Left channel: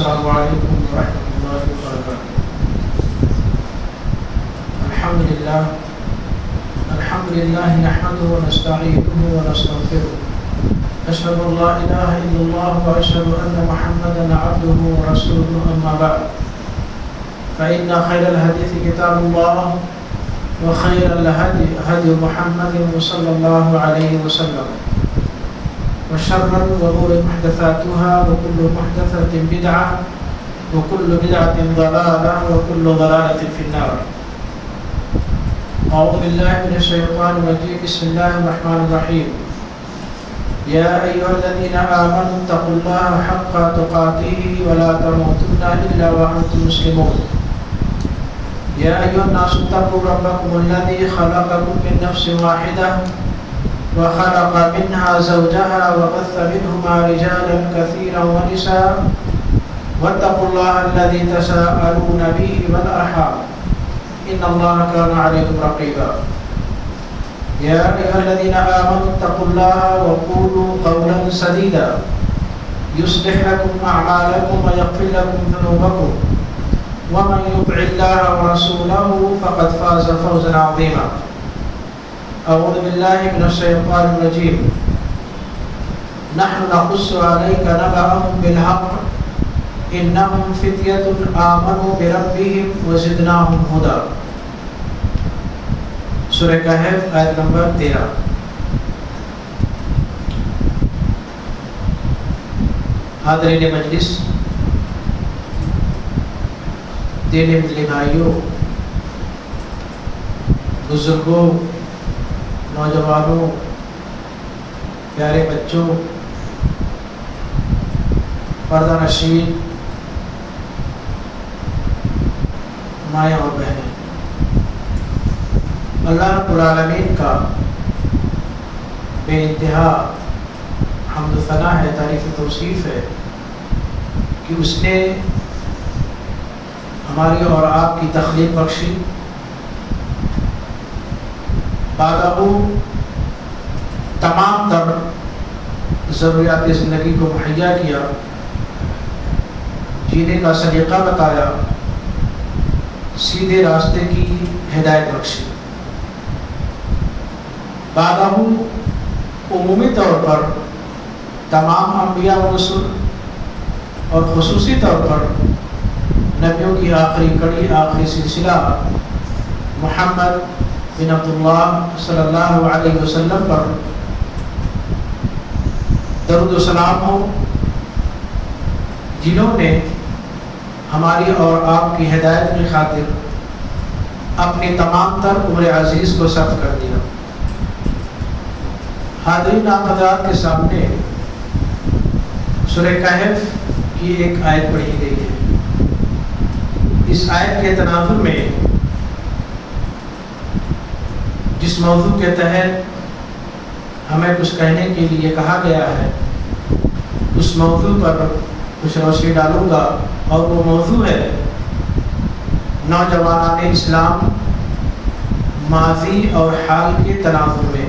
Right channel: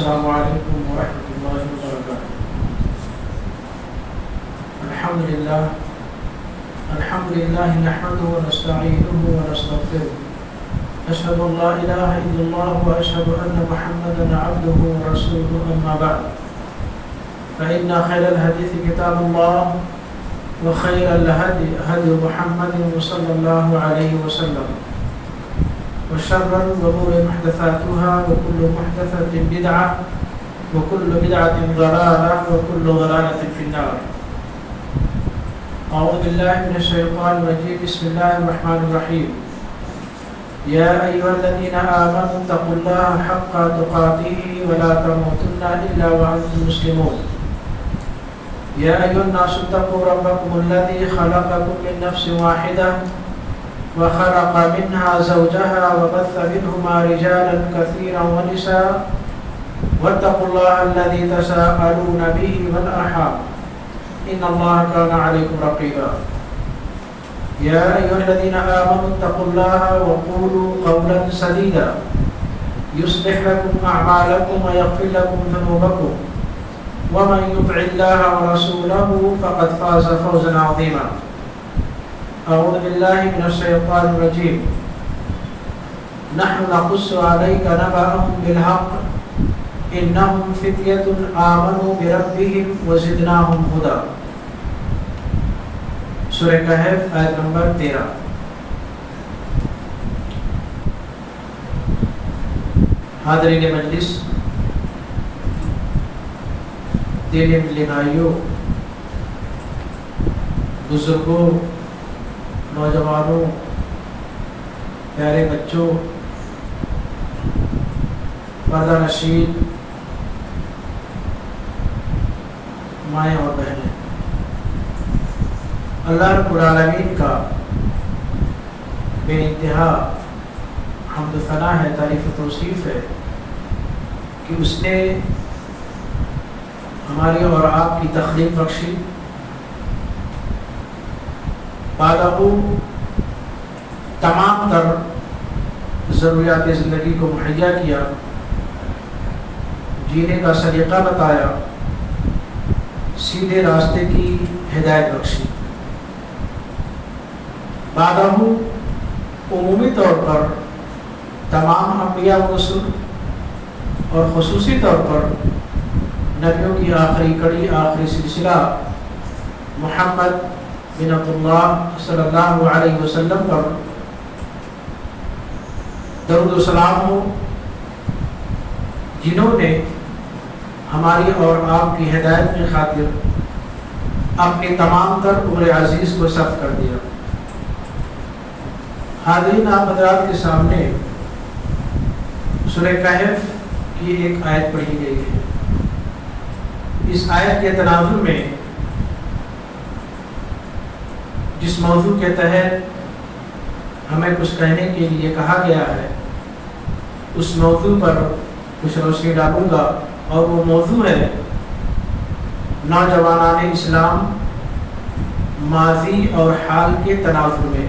السلام علیکم ورحمۃ اللہ وبرکاتہ۔ الحمد للہ نحمده ونستعینه ونستغفره، أشهد أن لا إله إلا الله وأشهد أن محمدا عبده ورسوله، أما بعد فإن خير الحديث كتاب الله وخير الهدي هدي محمد صلى الله عليه وسلم، وشر الأمور محدثاتها وكل محدثة بدعة وكل بدعة ضلالة وكل ضلالة في النار۔ أعوذ بالله من الشيطان الرجيم، بسم الله الرحمن الرحيم۔ يا أيها الذين آمنوا اتقوا الله حق تقاته ولا تموتن إلا وأنتم مسلمون۔ يا أيها الناس اتقوا ربكم الذي خلقكم من نفس واحدة وخلق منها زوجها وبث منهما رجالا كثيرا ونساء، واتقوا الله الذي تساءلون به والأرحام إن الله كان عليكم رقيبا۔ يا أيها الذين آمنوا اتقوا الله وقولوا قولا سديدا يصلح لكم أعمالكم ويغفر لكم ذنوبكم، ومن يطع الله ورسوله فقد فاز فوزا عظيما۔ أعوذ بالله من الشيطان الرجيم، نحن نقص عليك نبأهم بالحق إنهم فتية آمنوا بربهم وزدناهم هدى۔ سورہ کہف آیت نمبر 13۔ حاضرین مجلس، دینی بھائیوں، بزرگوں، نوجوانوں، پیارے بچوں، پردہ نشین مائیں اور بہنیں، اللہ رب العالمین کا بے انتہا حمد و ثنا ہے، تعریف و توصیف ہے کہ اس نے ہماری اور آپ کی تخلیق بخشی، بالغ تمام تر ضروریات زندگی کو مہیا کیا، جینے کا سلیقہ بتایا، سیدھے راستے کی ہدایت بخشی۔ بالغ عمومی طور پر تمام انبیاء و رسول اور خصوصی طور پر نبیوں کی آخری کڑی، آخری سلسلہ محمد بن عبداللہ صلی اللہ علیہ وسلم پر درود و سلام ہو، جنہوں نے ہماری اور آپ کی ہدایت کی خاطر اپنی تمام تر عمر عزیز کو صرف کر دیا۔ حاضرین، آپ حضرات کے سامنے سورہ کہف کی ایک آیت پڑھی گئی ہے۔ اس آیت کے تناظر میں جس موضوع کے تحت ہمیں کچھ کہنے کے لیے کہا گیا ہے، اس موضوع پر کچھ روشنی ڈالوں گا، اور وہ موضوع ہے نوجوانان اسلام ماضی اور حال کے تناظر میں۔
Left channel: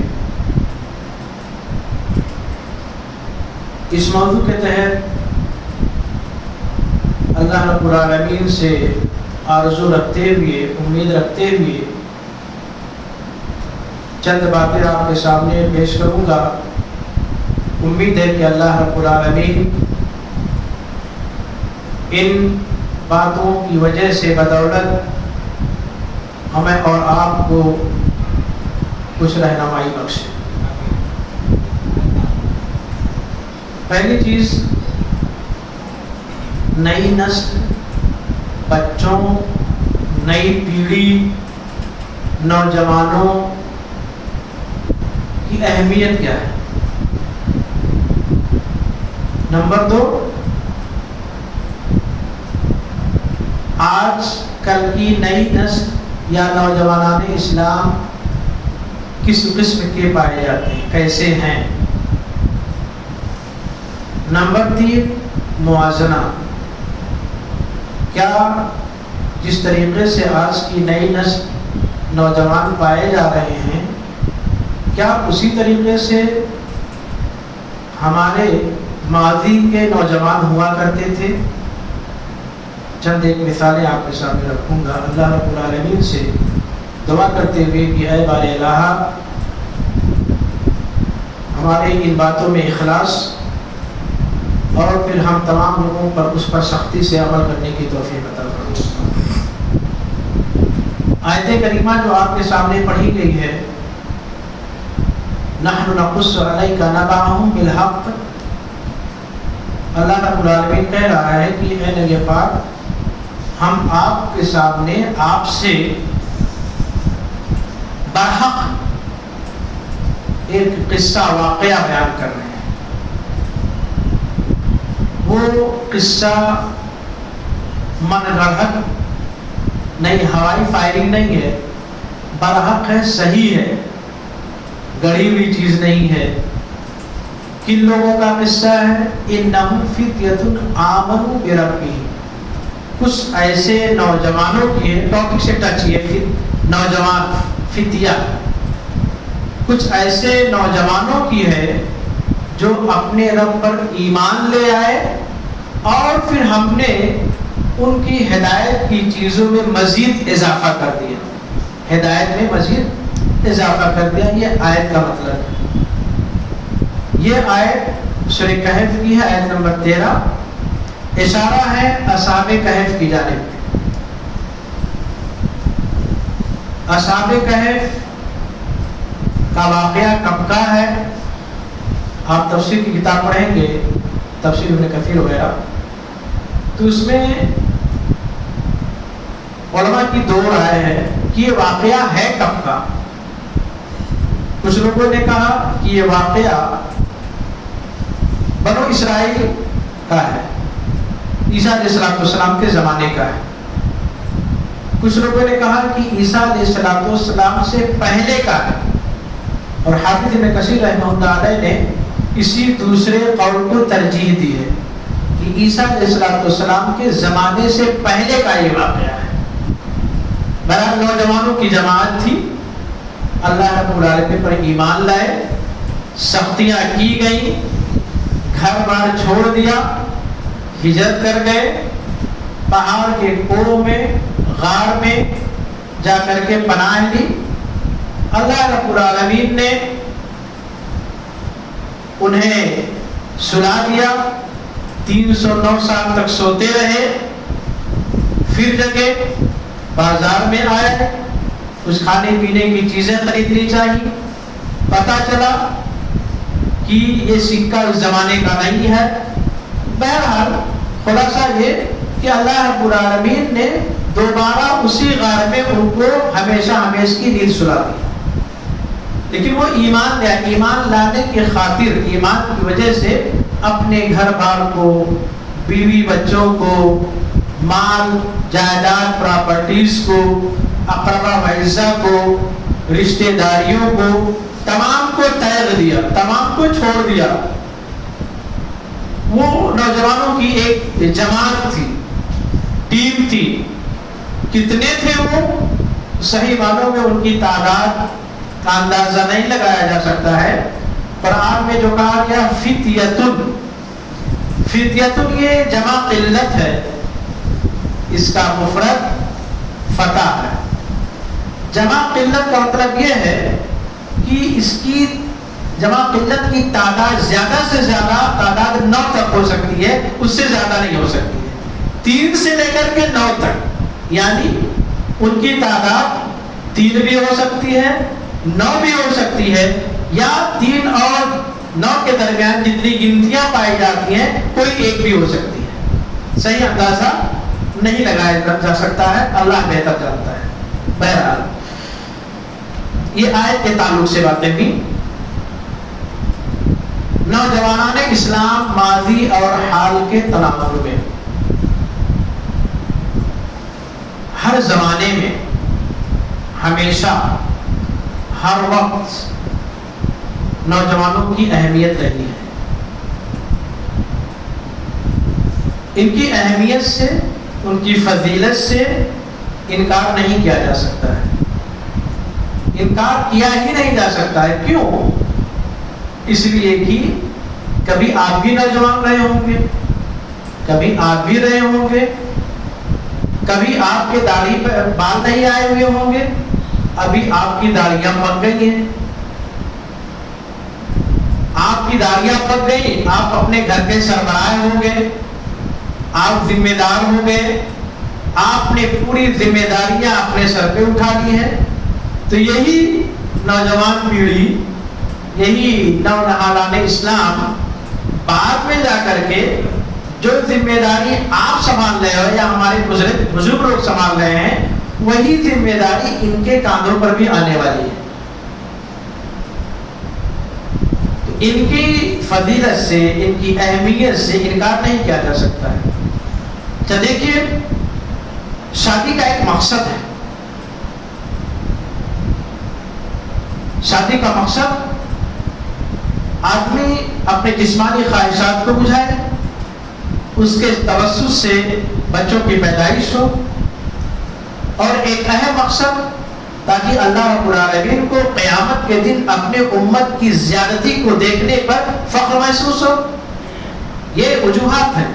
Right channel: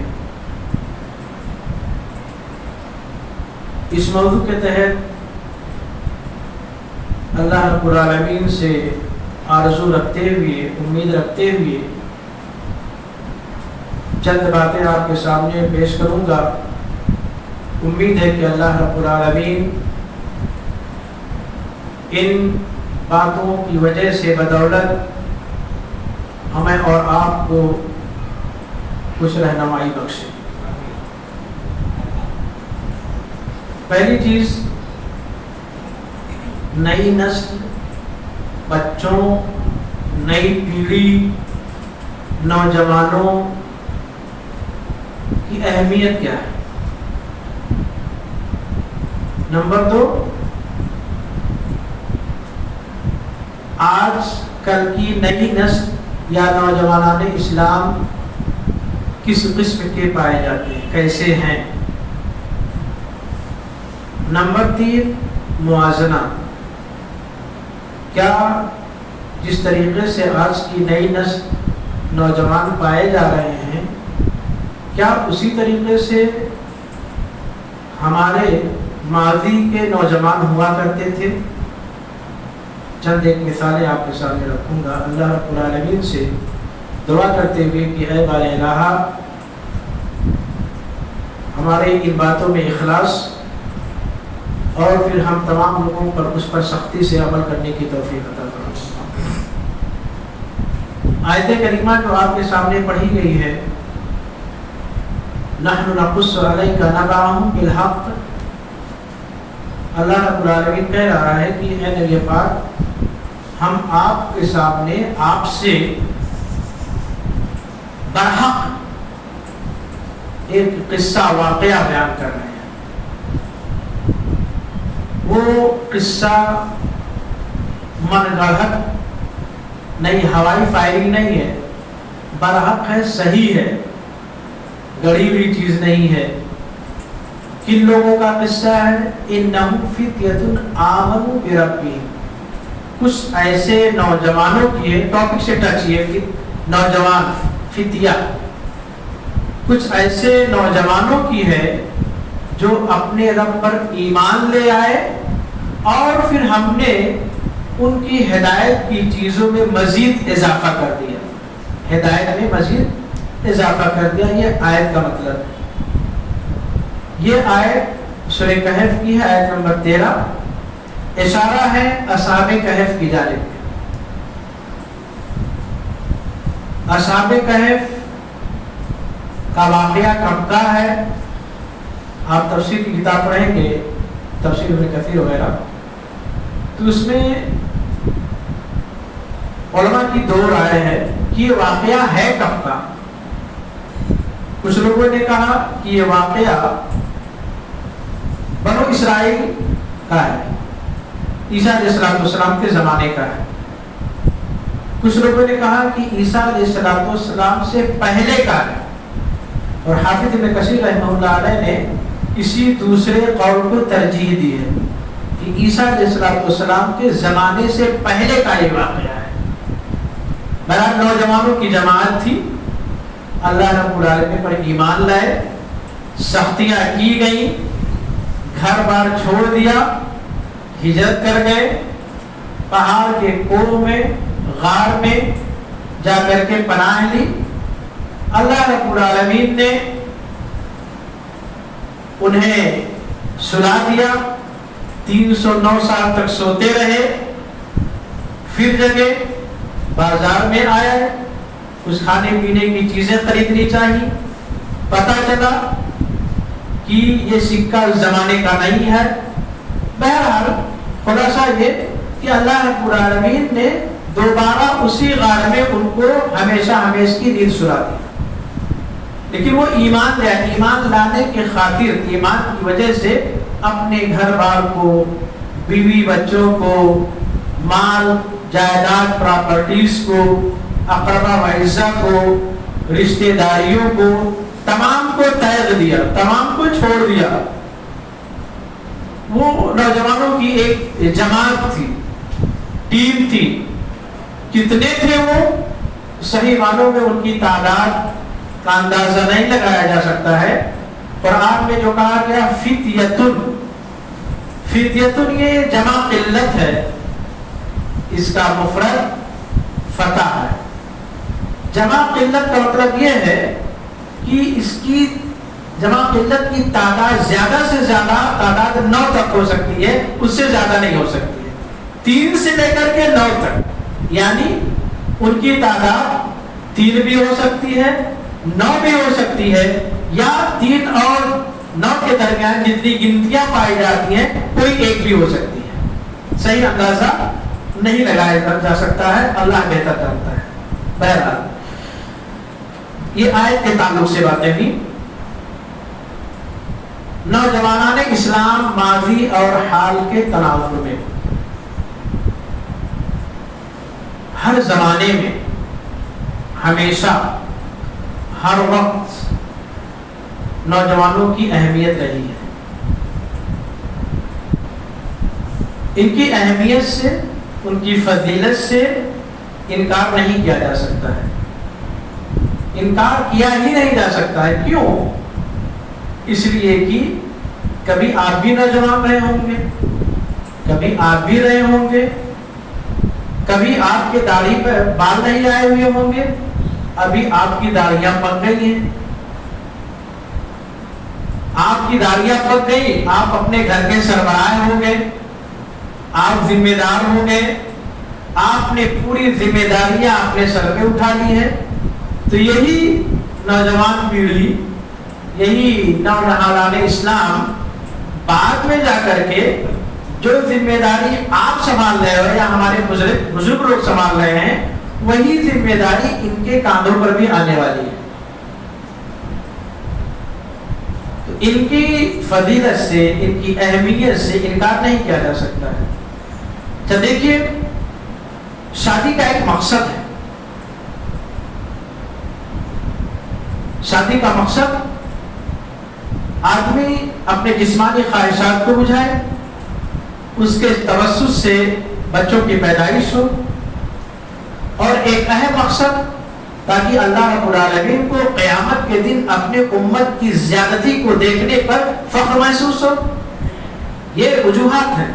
اس موضوع کے تحت اللہ رب العالمین سے آرزو رکھتے ہوئے، امید رکھتے ہوئے چند باتیں آپ کے سامنے پیش کروں گا۔ امید ہے کہ اللہ رب العالمین ان باتوں کی وجہ سے بدولت ہمیں اور آپ کو کچھ رہنمائی بخشے۔ پہلی چیز، نئی نسل، بچوں، نئی پیڑھی، نوجوانوں کی اہمیت کیا ہے۔ نمبر 2، آج کل کی نئی نسل یا نوجوانان اسلام کس قسم کے پائے جاتے ہیں، کیسے ہیں۔ نمبر 3، موازنہ، کیا جس طریقے سے آج کی نئی نسل نوجوان پائے جا رہے ہیں، کیا اسی طریقے سے ہمارے ماضی کے نوجوان ہوا کرتے تھے؟ چند ایک مثالیں آپ کے سامنے رکھوں گا اللہ رب العالمین سے دعا کرتے ہوئے کہ اے بار الہ ہمارے ان باتوں میں اخلاص اور پھر ہم تمام لوگوں پر اس پر سختی سے عمل کرنے کی توفیق عطا فرمائے۔ آیت کریمہ جو آپ کے سامنے پڑھی گئی ہے نحن نقص علیک نبأہم بالحق، اللہ رب العالمین کہہ رہا ہے کہ اے نبی پاک ہم آپ کے سامنے آپ سے برحق ایک قصہ واقعہ بیان کر رہے ہیں۔ وہ قصہ من گڑھت نہیں، ہوائی فائرنگ نہیں ہے، برحق ہے، صحیح ہے، گڑھی ہوئی چیز نہیں ہے۔ کن لوگوں کا قصہ ہے؟ انہم فتیۃ آمنوا بربہم، کچھ ایسے نوجوانوں کی ہے، ٹاپک سے ٹچ ہے، نوجوان فتیہ، کچھ ایسے نوجوانوں کی ہے جو اپنے رب پر ایمان لے آئے اور پھر ہم نے ان کی ہدایت کی چیزوں میں مزید اضافہ کر دیا، ہدایت میں مزید اضافہ کر دیا۔ یہ آیت کا مطلب، یہ آیت سورہ کہف کی ہے، آیت نمبر 13، اشارہ ہے اصحاب کہف کی جانب۔ اصحاب کہف کا واقعہ کب کا ہے؟ آپ تفسیر کی کتاب پڑھیں گے، تفسیر ابن کثیر وغیرہ، تو اس میں علماء کی دو رائے ہے کہ یہ واقعہ ہے کب کا۔ کچھ لوگوں نے کہا کہ یہ واقعہ بنو اسرائیل کا ہے، عیسیٰ علیہ السلام کے زمانے کا ہے۔ کچھ لوگوں نے کہا کہ عیسیٰ علیہ السلام سے پہلے کا ہے، اور حافظ ابن کثیر رحمہ اللہ علیہ نے اسی دوسرے قول کو ترجیح دی ہے کہ عیسیٰ علیہ السلام کے زمانے سے پہلے کا یہ واقعہ ہے۔ بہرحال نوجوانوں کی جماعت تھی، اللہ رب العالمین پر ایمان لائے، سختیاں کی گئیں، گھر بار چھوڑ دیا، ہجرت کر گئے، پہاڑ کے کوہ میں، غار میں جا کر کے پناہ لی۔ اللہ رب العالمین نے انہیں سلا دیا، 309 سال تک سوتے رہے، پھر جگے، بازار میں آئے، کچھ کھانے پینے کی چیزیں خریدنی چاہیے، پتہ چلا کہ یہ سکہ اس زمانے کا نہیں ہے۔ بہرحال خلاصہ یہ کہ اللہ رب العالمین نے دوبارہ اسی غار میں ان کو ہمیشہ ہمیشہ کی نیند سلا دی، لیکن وہ ایمان لانے کی خاطر، ایمان کی وجہ سے اپنے گھر بار کو، بیوی بچوں کو، مال جائیداد پراپرٹیز کو، اقربا وعزہ کو، رشتہ داریوں کو، تمام کو تیغ دیا، تمام کو چھوڑ دیا۔ وہ نوجوانوں کی ایک جماعت تھی، ٹیم تھی۔ کتنے تھے وہ؟ صحیح معنوں میں ان کی تعداد کا اندازہ نہیں لگایا جا سکتا ہے۔ قرآن میں جو کہا گیا فتیتن، فتیتن یہ جمع قلت ہے، اس کا مفرد فتح ہے۔ جمع قلت کا مطلب یہ ہے کہ اس کی جمع قلت کی تعداد زیادہ سے زیادہ تعداد 9 تک ہو سکتی ہے، اس سے زیادہ نہیں ہو سکتی ہے، 3 سے لے کر کے 9 تک، یعنی ان کی تعداد 3 بھی ہو سکتی ہے، 9 بھی ہو سکتی ہے، یا 3 اور 9 کے درمیان جتنی گنتیاں پائی جاتی ہیں کوئی ایک بھی ہو سکتی ہے۔ صحیح اندازہ نہیں لگایا جا سکتا ہے، اللہ بہتر جانتا ہے۔ بہرحال یہ آیت کے تعلق سے باتیں بھی، نوجوانان اسلام ماضی اور حال کے تناظر میں ہر زمانے میں، ہمیشہ، ہر وقت نوجوانوں کی اہمیت رہی ہے۔ ان کی اہمیت سے، ان کی فضیلت سے انکار نہیں کیا جا سکتا ہے، انکار کیا ہی نہیں جا سکتا ہے۔ کیوں؟ اس لیے کہ کبھی آپ بھی نوجوان رہے ہوں گے، کبھی آپ بھی رہے ہوں گے، کبھی آپ کے داڑھی پہ بال نہیں آئے ہوئے ہوں گے، ابھی آپ کی داڑیاں پک گئی ہیں، آپ کی داڑیاں پک گئی، آپ اپنے گھر کے سربراہ ہوں گے، آپ ذمہ دار ہوں گے، آپ نے پوری ذمہ داریاں اپنے سر پہ اٹھا لی ہیں. تو یہی نوجوان پیڑھی، یہی نونہالان اسلام بعد میں جا کر کے جو ذمہ داری آپ سنبھال رہے ہو یا ہمارے بزرگ لوگ سنبھال رہے ہیں، وہی ذمہ داری ان کے کاندھوں پر بھی آنے والی ہے. تو ان کی فضیلت سے، ان کی اہمیت سے انکار نہیں کیا جا سکتا ہے. تو دیکھیے، شادی کا ایک مقصد ہے. شادی کا مقصد آدمی اپنے جسمانی خواہشات کو بجھائے، اس کے توسط سے بچوں کی پیدائش ہو، اور ایک اہم مقصد تاکہ اللہ رب العالمین کو قیامت کے دن اپنے امت کی زیادتی کو دیکھنے پر فخر محسوس ہو. یہ وجوہات ہیں.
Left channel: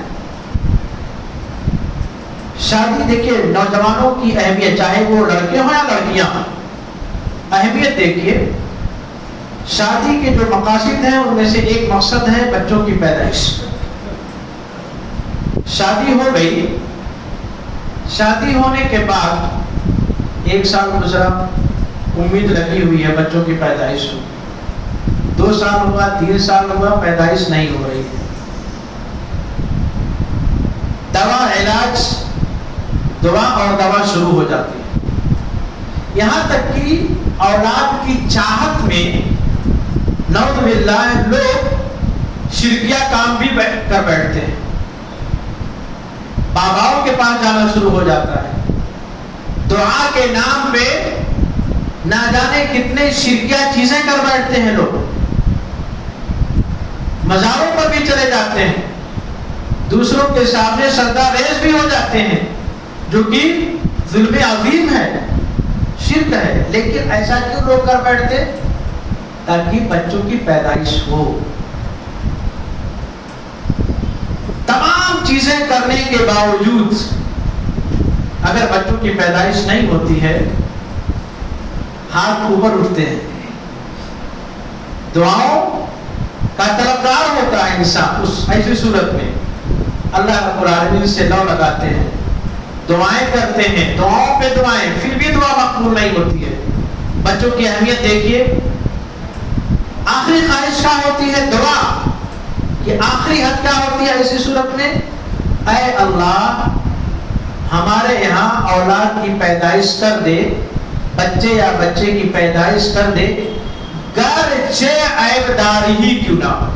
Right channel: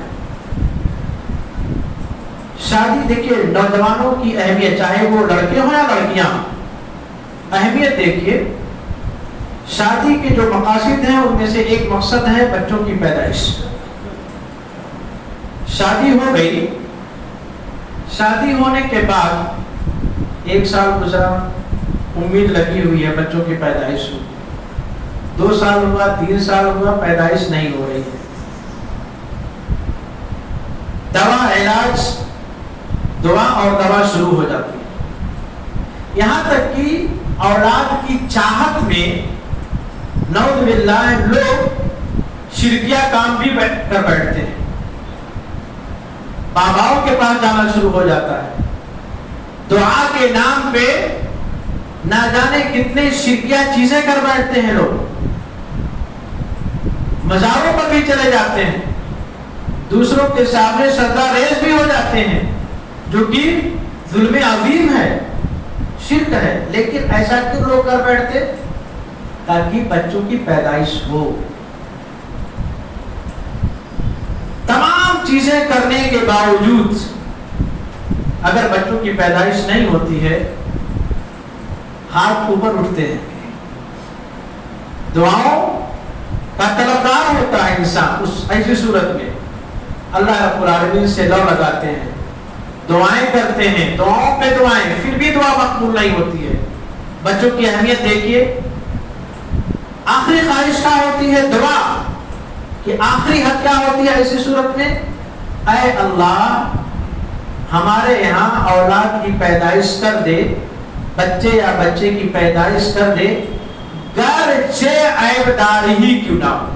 شادی دیکھیے، نوجوانوں کی اہمیت، چاہے وہ لڑکے ہوں یا لڑکیاں ہوں، اہمیت دیکھیے. شادی کے جو مقاصد ہیں ان میں سے ایک مقصد ہے بچوں کی پیدائش. شادی ہو گئی، شادی ہونے کے بعد 1 سال گزرا، امید لگی ہوئی ہے بچوں کی پیدائش ہو. 2 سال ہوا، 3 سال ہوا، پیدائش نہیں ہو رہی ہے. دوا، علاج، دعا اور دوا شروع ہو جاتی ہے. یہاں تک کہ اولاد کی چاہت میں نعوذ باللہ لوگ شرکیہ کام بھی کر بیٹھتے ہیں. باباؤں کے پاس جانا شروع ہو جاتا ہے. دعا کے نام پہ نہ جانے کتنے شرکیہ چیزیں کر بیٹھتے ہیں لوگ. مزاروں پر بھی چلے جاتے ہیں، دوسروں کے سامنے سجدہ ریز بھی ہو جاتے ہیں، جو کہ ظلم عظیم ہے، شرک ہے. لیکن ایسا کیوں لوگ کر بیٹھتے؟ تاکہ بچوں کی پیدائش ہو. تمام چیزیں کرنے کے باوجود اگر بچوں کی پیدائش نہیں ہوتی ہے، ہاتھ اوپر اٹھتے ہیں. دعاؤں کا طلبگار ہوتا ہے انسان. اس ایسی صورت میں اللہ رب العالمین سے دعا لگاتے ہیں، دعائیں کرتے ہیں، دعاؤں پہ دعائیں، پھر بھی دعا مقبول نہیں ہوتی ہے. بچوں کی اہمیت دیکھیے. آخری خواہش کیا ہوتی ہے؟ دعا. کہ آخری حد کیا ہوتی ہے ایسی صورت میں؟ اے اللہ، ہمارے یہاں اولاد کی پیدائش کر دے، بچے یا بچے کی پیدائش کر دے، گرچہ عیب دار ہی کیوں نہ ہو.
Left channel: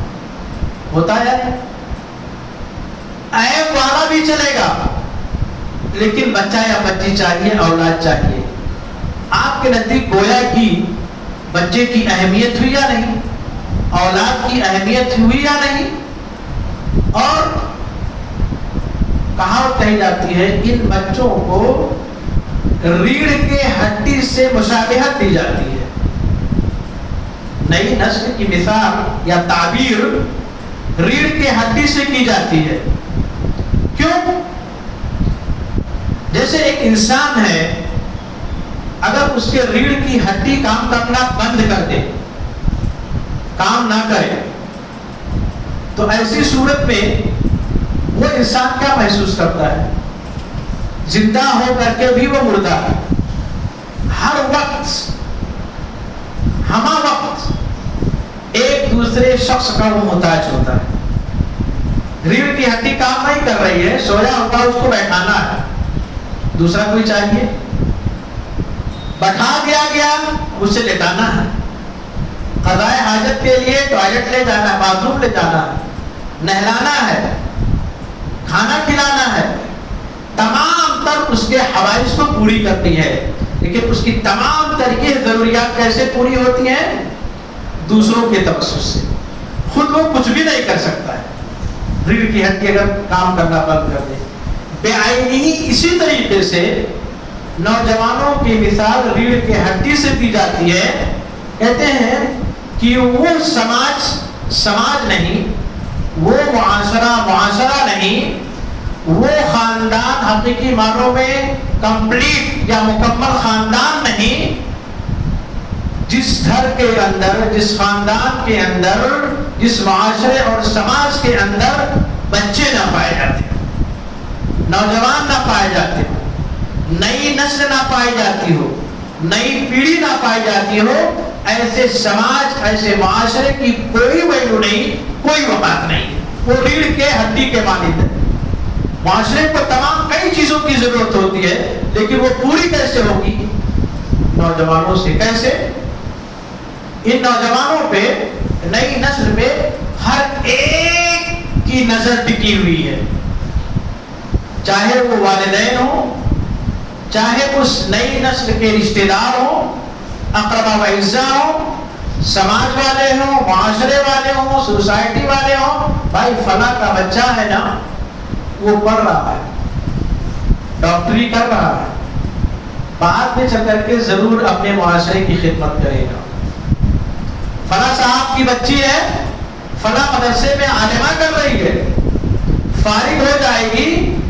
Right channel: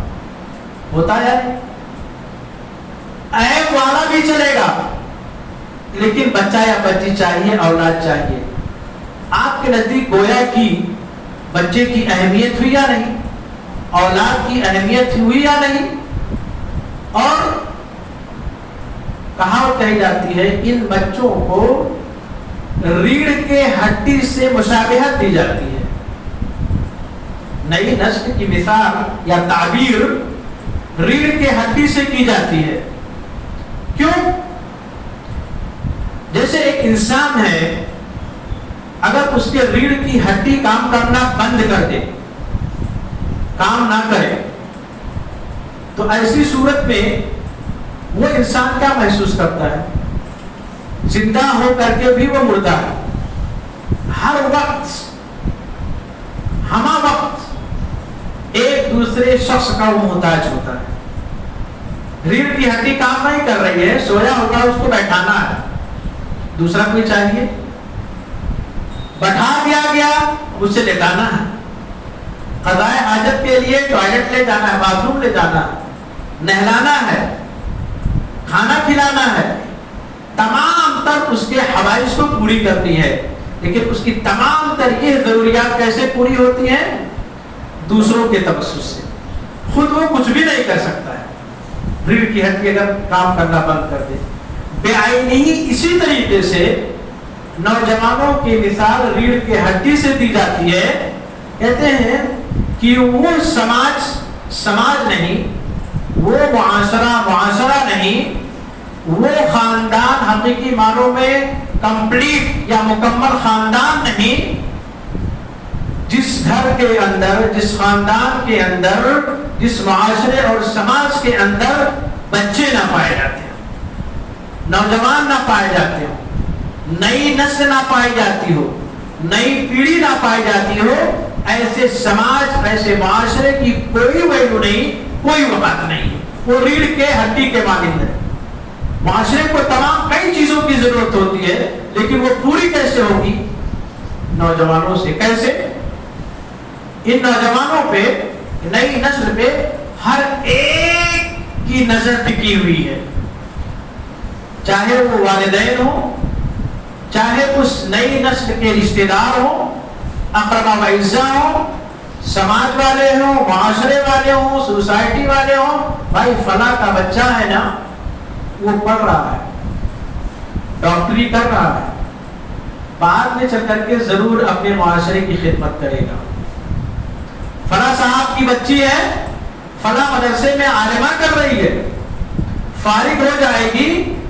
ہوتا ہے عیب والا بھی چلے گا، لیکن بچہ یا بچی چاہیے، اولاد چاہیے. آپ کے نزدیک گویا کی بچے کی اہمیت ہوئی یا نہیں؟ اولاد کی اہمیت ہوئی یا نہیں؟ اور کہاوت کہی جاتی ہے ان بچوں کو ریڑھ کے ہڈی سے مشابہت دی جاتی ہے. نئی نسل کی مثال یا تعبیر ریڑھ کے ہڈی سے کی جاتی ہے. کیوں؟ جیسے ایک انسان ہے، اگر اس کے ریڑھ کی ہڈی کام کرنا بند کر دے، کام نہ کرے، تو ایسی صورت میں وہ انسان کیا محسوس کرتا ہے؟ زندہ ہو کر کے بھی وہ مردہ ہے. ہر وقت، ہمہ وقت ایک دوسرے شخص کا وہ محتاج ہوتا ہے. ریڑھ کی ہڈی کام نہیں کر رہی ہے، سویا ہوگا، اس کو بیٹھانا ہے، دوسرا کوئی چاہیے، بٹھا دیا گیا، اس سے لٹانا ہے، قضائے حاجت کے لیے ٹوائلٹ لے جانا ہے، باتھ روم لے جانا ہے، نہلانا ہے، کھانا کھلانا ہے، تمام تر اس کے حوائج کو پوری کرنی ہے. لیکن اس کی تمام تر یہ ضروریات کیسے پوری ہوتی ہیں؟ دوسروں کے توسط سے. خود وہ کچھ بھی نہیں کر سکتا ہے. ریڑھ کی ہڈی اگر کام کرنا بند کر دے. بے عینی اسی طریقے سے نوجوانوں کی مثال ریڑھ کی ہڈی سے دی جاتی ہے. کہتے ہیں کہ وہ سماج نہیں، وہ معاشرہ نہیں، وہ خاندان حقیقی معنوں میں کمپلیٹ یا مکمل خاندان نہیں جس گھر کے اندر، جس خاندان کے اندر، جس معاشرے اور سماج کے اندر بچے نہ پائے جاتے ہو، نوجوان نہ پائے جاتے ہو، نئی نسل نہ پائی جاتی ہو، نئی پیڑھی نہ پائی جاتی ہو، ایسے سماج، ایسے معاشرے کی کوئی ویلو نہیں، کوئی وقت نہیں ہے، وہ ریڑھ کے ہڈی کے مانند ہے۔ معاشرے کو تمام کئی چیزوں کی ضرورت ہوتی ہے، لیکن وہ پوری کیسے ہوگی؟ نوجوانوں سے۔ کیسے؟ ان نوجوانوں پہ، نئی نسل پہ ہر ایک کی نظر ٹکی ہوئی ہے، چاہے وہ والدین ہوں، چاہے اس نئی نسل کے رشتہ دار ہوں، اقربا و اعزاء ہوں، سماج والے ہوں، معاشرے والے ہوں، سوسائٹی والے ہوں۔ بھائی فلاں کا بچہ ہے نا، وہ پڑھ رہا ہے، ڈاکٹری کر رہا ہے، بعد میں چل کر کے ضرور اپنے معاشرے کی خدمت کرے گا۔ فلاں صاحب کی بچی ہے، فلاں مدرسے میں عالمہ کر رہی ہے، فارغ ہو جائے گی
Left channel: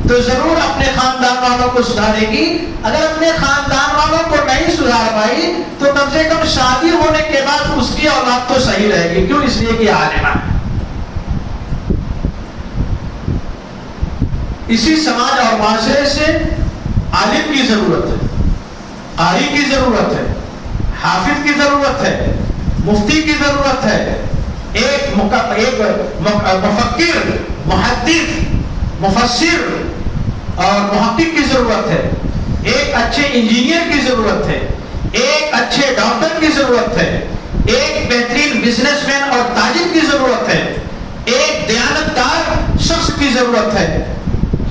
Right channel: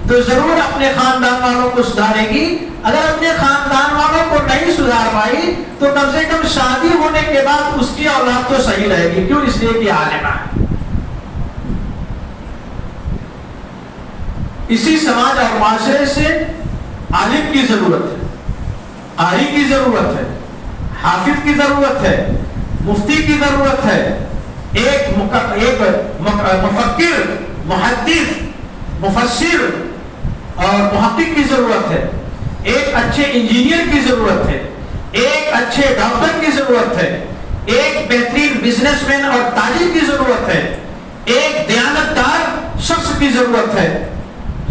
تو ضرور اپنے خاندان والوں کو سدھارے گی۔ اگر اپنے خاندان والوں کو نہیں سدھار پائی تو کم سے کم شادی ہونے کے بعد اس کی اولاد تو صحیح رہے گی۔ کیوں؟ اس لیے کہ عالمہ ہے۔ اسی سماج اور معاشرے سے عالم کی ضرورت ہے، قاری کی ضرورت ہے، حافظ کی ضرورت ہے، مفتی کی ضرورت ہے، ایک مفکر، محدث، مفسر اور محقق کی ضرورت ہے، ایک اچھے انجینئر کی ضرورت ہے، ایک اچھے ڈاکٹر کی ضرورت ہے، ایک بہترین بزنس مین اور تاجر کی ضرورت ہے، ایک دیانتدار شخص کی ضرورت ہے۔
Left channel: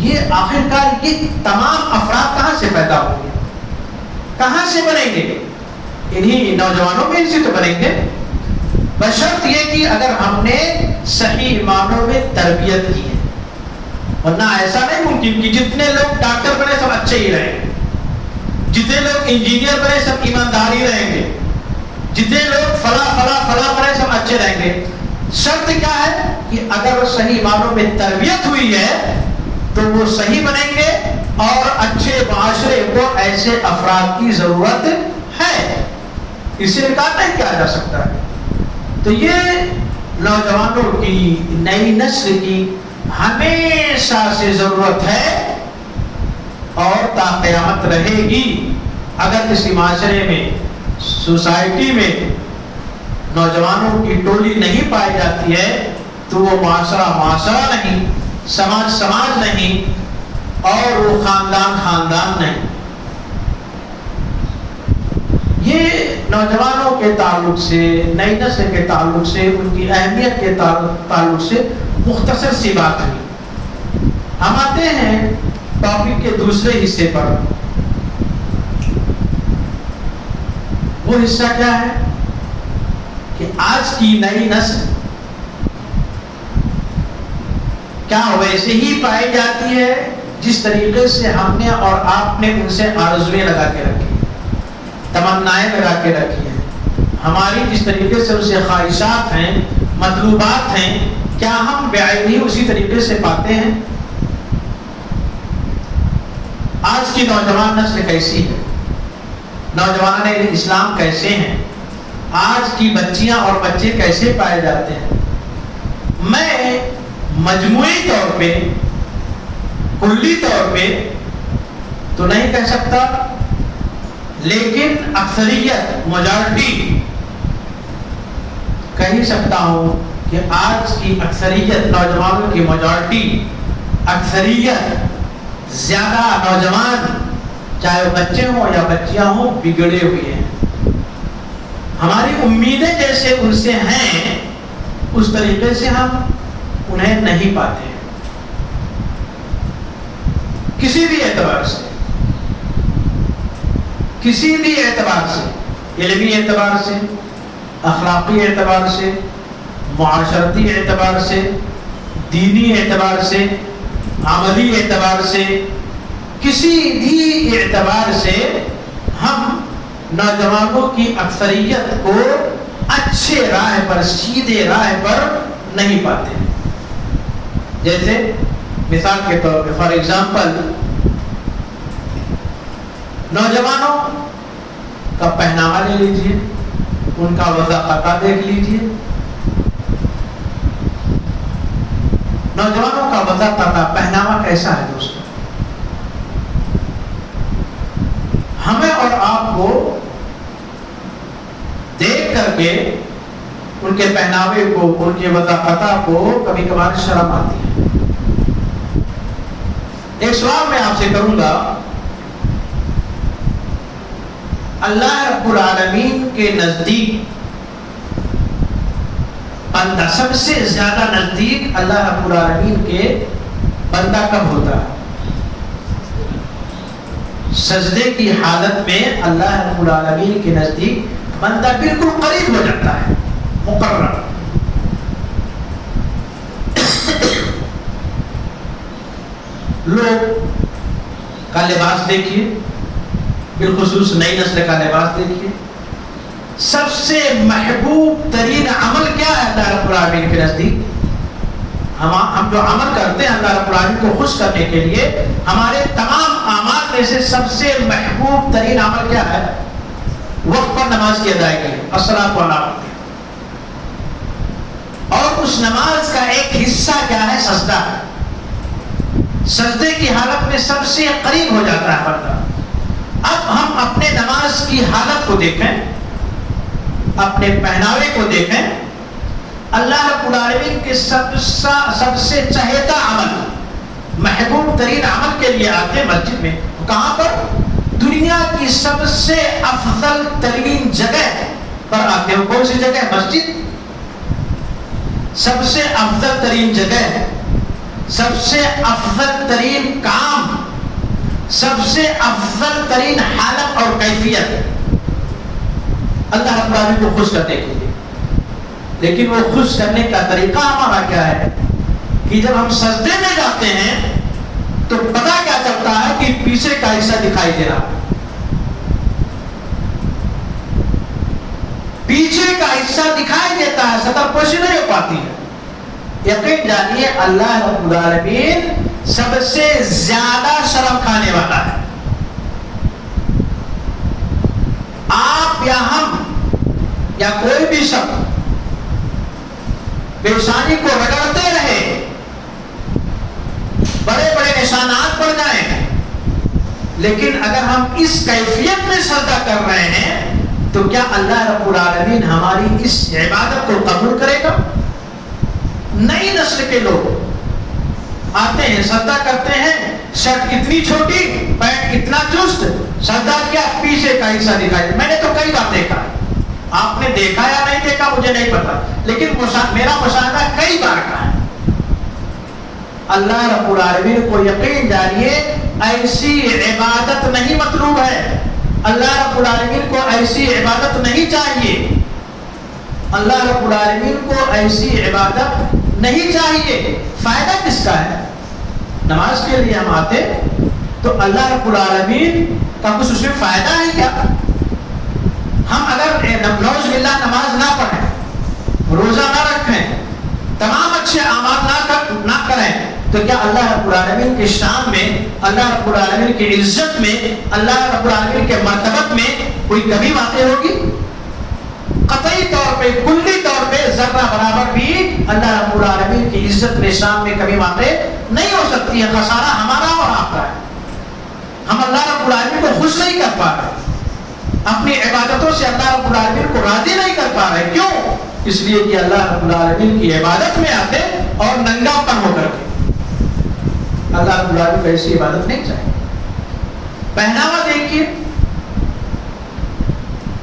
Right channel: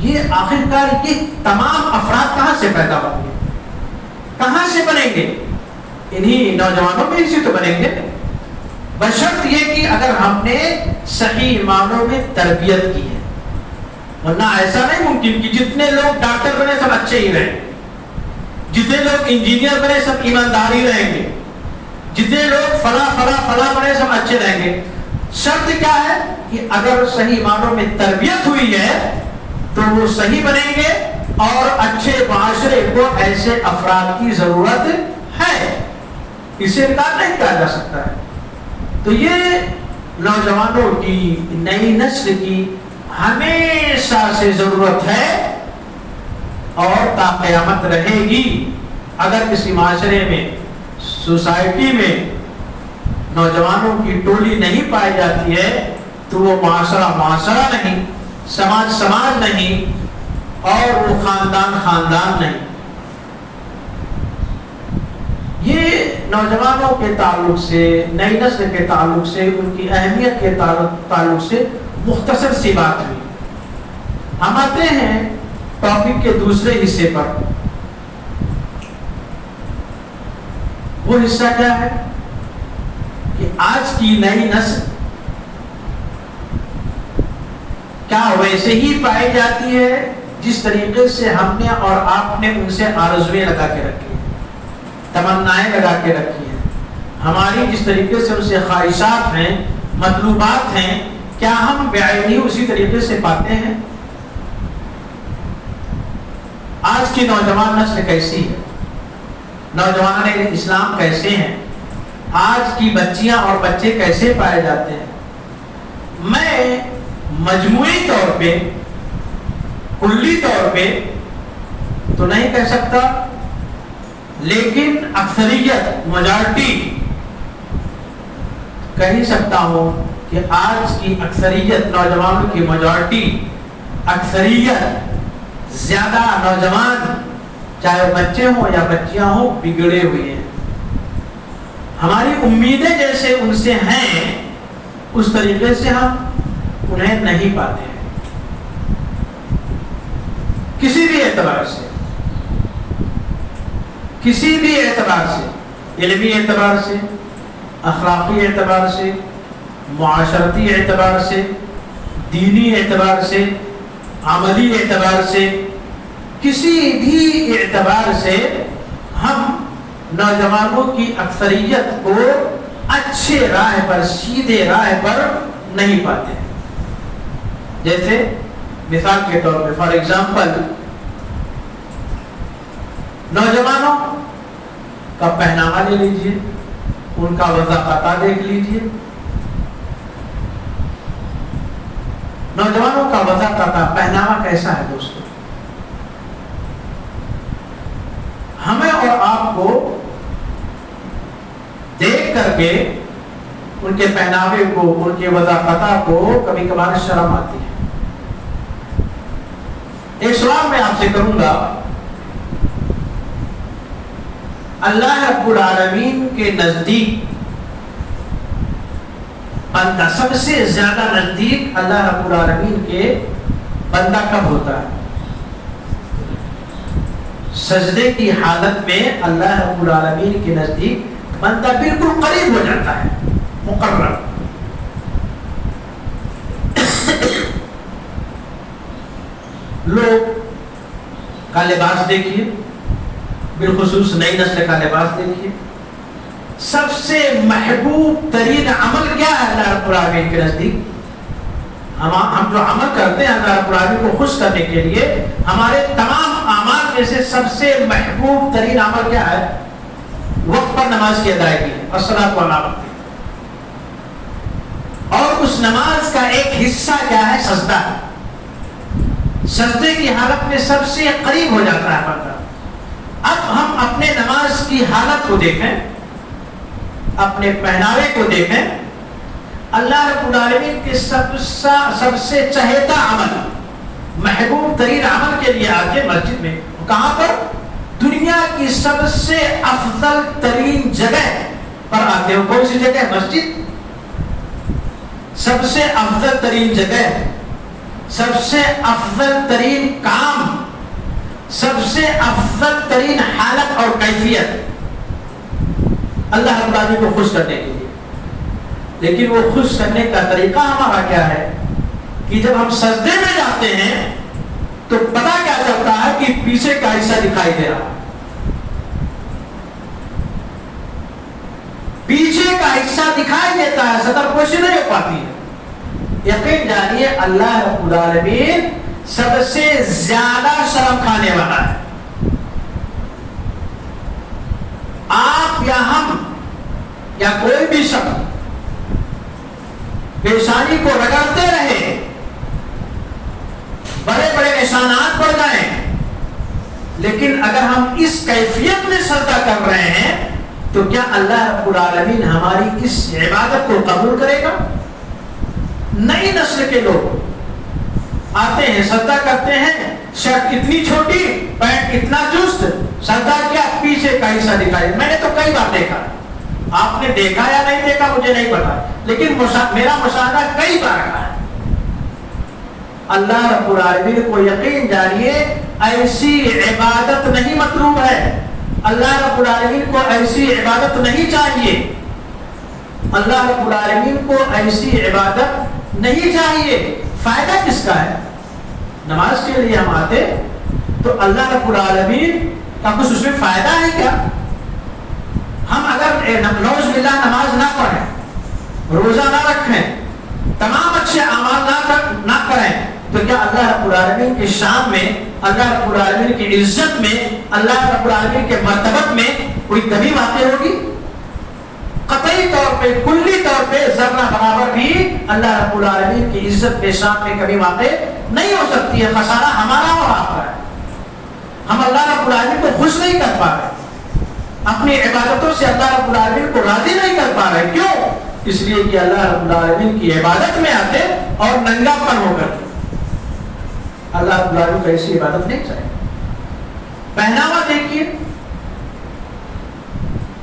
یہ آخرکار یہ تمام افراد کہاں سے پیدا ہوں گے؟ کہاں سے بنیں گے؟ انہی نوجوانوں میں سے تو بنیں گے، بشرط یہ کہ اگر ہم نے صحیح معنوں میں تربیت کی ہے۔ ورنہ ایسا نہیں ممکن کہ جتنے لوگ ڈاکٹر بنے سب اچھے ہی رہیں گے، جتنے لوگ انجینئر بنے سب ایماندار ہی رہیں گے، جتنے لوگ فلاں بنے سب اچھے رہیں گے۔ شرط کیا ہے کہ اگر صحیح معنوں میں تربیت ہوئی ہے تو وہ صحیح بنیں گے، اور اچھے معاشرے کو ایسے افراد کی ضرورت ہے، اسے انکار نہیں کیا جا سکتا ہے۔ تو یہ نوجوانوں کی، نئی نسل کی ہمیشہ سے ضرورت ہے اور تا قیامت رہے گی۔ اگر کسی معاشرے میں، سوسائٹی میں نوجوانوں کی ٹولی نہیں پائی جاتی ہے تو وہ معاشرہ نہیں، سماج نہیں، اور وہ خاندان نہیں۔ یہ نوجوانوں کے تعلق سے، نئی نسل کے تعلق سے، ان کی اہمیت کے تعلق سے مختصر سی بات ہوئی۔ ہم آتے ہیں ٹاپک کے دوسرے حصے پر۔ وہ حصہ کیا ہے کہ آج کی نئی نسل کیا ویسے ہی پائی جاتی ہے جس طریقے سے ہم نے اور آپ نے ان سے آرزویں لگا کے رکھی، تمنائیں لگا کے رکھی ہیں، ہماری جس طریقے سے ان سے خواہشات ہیں، مطلوبات ہیں، کیا ہم بعینی اسی طریقے سے پاتے ہیں؟ آج کی نوجوان نسل کیسی ہے؟ نوجوان اسلام کیسے ہیں؟ آج کی بچیاں اور بچے کیسے پائے جاتے ہیں؟ میں مجموعی طور پہ، کلی طور پہ تو نہیں کہہ سکتا، لیکن اکثریت، میجارٹی کہہ سکتا ہوں کہ آج کی اکثریت نوجوانوں کی میجارٹی، اکثریت زیادہ نوجوان، چاہے بچے ہوں یا بچیاں ہوں، بگڑے ہوئے ہیں۔ ہماری امیدیں جیسے ان سے ہیں اس طریقے سے ہم انہیں نہیں پاتے ہیں، کسی بھی اعتبار سے، کسی بھی اعتبار سے، علمی اعتبار سے، اخلاقی اعتبار سے، معاشرتی اعتبار سے، دینی اعتبار سے، عملی اعتبار سے، کسی بھی اعتبار سے ہم نوجوانوں کی اکثریت کو اچھے راہ پر، سیدھے راہ پر نہیں پاتے ہیں۔ جیسے مثال کے طور پہ فار ایگزامپل نوجوانوں کا پہناوا لے لیجیے، ان کا وضاقتہ دیکھ لیجیے. نوجوانوں کا وضاقتہ پہناوا کیسا ہے دوستوں؟ ہمیں اور آپ کو دیکھ کر کے ان کے پہناوے کو، ان کے وضاقتہ کو کبھی کبھار شرم آتی ہے. ایک سوال میں آپ سے کروں گا، اللہ رب العالمین کے نزدیک بندہ سب سے زیادہ نزدیک اللہ رب العالمین کے بندہ کب ہوتا ہے؟ سجدے کی حالت میں اللہ رب العالمین کے نزدیک بندہ بالکل قریب ہو جاتا ہے، مقرر. لوگ کا لباس دیکھیے، بالخصوص نئی نسل کا لباس دیکھیے. سب سے محبوب ترین عمل کیا ہے اللہ رب العالمین کے نزدیک؟ ہم جو عمل کرتے ہیں اللہ رب العالمین کو خوش کرنے کے لیے، ہمارے تمام اعمال میں سے سب سے محبوب ترین عمل کیا ہے؟ وقت پر نماز کی ادائیگی ہے، الصلاۃ والسلام. اور اس نماز کا ایک حصہ کیا ہے؟ سجدہ. سجدے کی حالت میں سب سے قریب ہو جاتا ہے بندہ. اب ہم اپنے نماز کی حالت کو دیکھیں، اپنے پہناوے کو دیکھیں. اللہ رب العالمین کے سب سے چہیتا عمل، محبوب ترین عمل کے لیے آتے مسجد میں. کہاں پر؟ دنیا کی سب سے افضل ترین جگہ پر آتے ہو. کون سی جگہ؟ مسجد. سب سے افضل ترین جگہ، سب سے افضل ترین کام، سب سے افضل ترین حالت اور کیفیت اللہ رب العالمین کو خوش کرنے کے لیے. لیکن وہ خوش کرنے کا طریقہ ہمارا کیا ہے کہ جب ہم سجدے میں جاتے ہیں تو پتہ کیا چلتا ہے کہ پیچھے کا حصہ دکھائی دے رہا. پیچھے کا حصہ دکھائی دیتا ہے، سطر پوشی نہیں ہو پاتی ہے. یقین جانیے اللہ رب العالمین سب سے زیادہ شرم کھانے والا ہے. آپ یا ہم یا کوئی بھی شخص پیشانی کو رگڑتے رہے، بڑے بڑے نشانات پڑ جائیں، لیکن اگر ہم اس کیفیت میں سجدہ کر رہے ہیں تو کیا اللہ رب العالمین ہماری اس عبادت کو قبول کرے گا؟ نئی نسل کے لوگ آتے ہیں، سجدہ کرتے ہیں، شرٹ اتنی چھوٹی، پینٹ اتنا چست، سجدہ کیا پیچھے کا حصہ دکھائی. میں نے تو کئی بار دیکھا، آپ نے دیکھا یا نہیں دیکھا مجھے نہیں پتا، لیکن میرا مشاہدہ کئی بار کا ہے. اللہ رب العالمین کو یقین جانیے ایسی عبادت نہیں مطلوب ہے. اللہ رب العالمین کو ایسی عبادت نہیں چاہیے. اللہ رب العالمین کو ایسی عبادت نہیں چاہیے. فائدہ کس کا ہے؟ نماز کے لیے ہم آتے تو اللہ رب العالمین کا کچھ اس میں فائدہ ہے کیا؟ ہم اگر نعوذ باللہ نماز نہ پڑھیں، روزہ نہ رکھیں، تمام اچھے اعمال نہ کریں تو کیا اللہ رب العالمین کی شان میں، اللہ رب العالمین کی عزت میں، اللہ رب العالمین کے مرتبت میں کوئی کمی واقع ہوگی؟ قطعی طور پہ، کلی طور پہ ذرہ برابر بھی اللہ رب العالمین کی عزت میں، شان میں کمی واقع نہیں ہو سکتی ہے. خسارہ ہمارا اور آپ کا ہے. ہم اللہ رب العالمین کو خوش نہیں کر پا رہے، اپنی عبادتوں سے اللہ رب العالمین کو راضی نہیں کر پا رہے. کیوں؟ اس لیے کہ اللہ رب العالمین کی عبادت میں آتے اور ننگا پن ہو کر کے. اللہ رب العالمین کو ایسی عبادت نہیں چاہیے. پہناوا دیکھیے،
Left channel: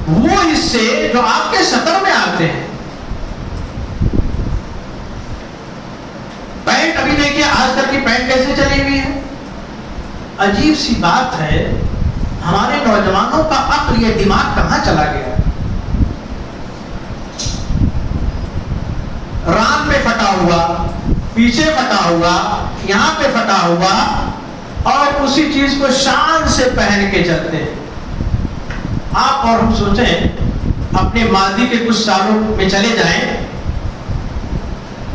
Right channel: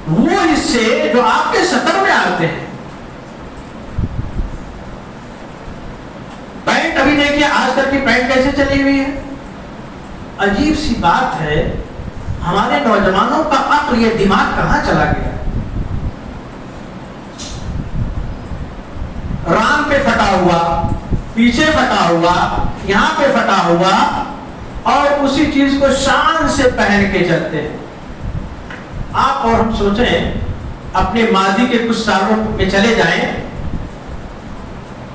وہ حصے جو آپ کے سطر میں آتے ہیں. پینٹ ابھی دیکھیے آج تک کی پینٹ کیسے چلی ہوئی ہے. عجیب سی بات ہے، ہمارے نوجوانوں کا عقل، یہ دماغ کہاں چلا گیا. رام پہ پھٹا ہوا، پیچھے پھٹا ہوا، یہاں پہ پھٹا ہوا، اور اسی چیز کو شان سے پہن کے چلتے ہیں. آپ اور ہم سوچیں اپنے ماضی کے کچھ سالوں میں چلے جائیں،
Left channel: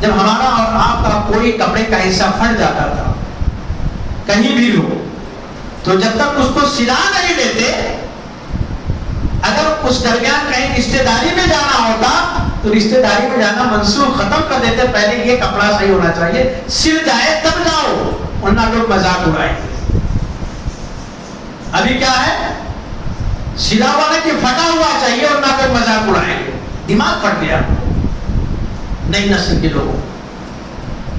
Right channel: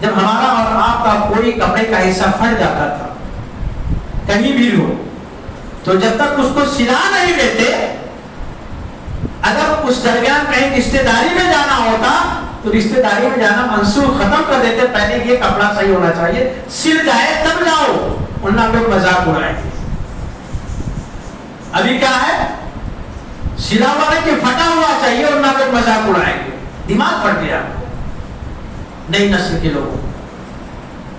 جب ہمارا اور آپ کا کوئی کپڑے کا حصہ پھٹ جاتا تھا کہیں بھی ہو، تو جب تک اس کو سلا نہیں لیتے، اگر اس درمیان کہیں رشتے داری میں جانا ہوتا تو رشتے داری میں جانا منسوخ ختم کر دیتے، پہلے یہ کپڑا صحیح ہونا چاہیے، سل جائے تب جاؤ، ورنہ لوگ مذاق اڑائیں گے۔ ابھی کیا ہے، سلا ہوا نہیں کہ پھٹا ہوا چاہیے، ورنہ لوگ مذاق اڑائیں گے۔ دماغ پھٹ گیا نئی نسل کے لوگوں،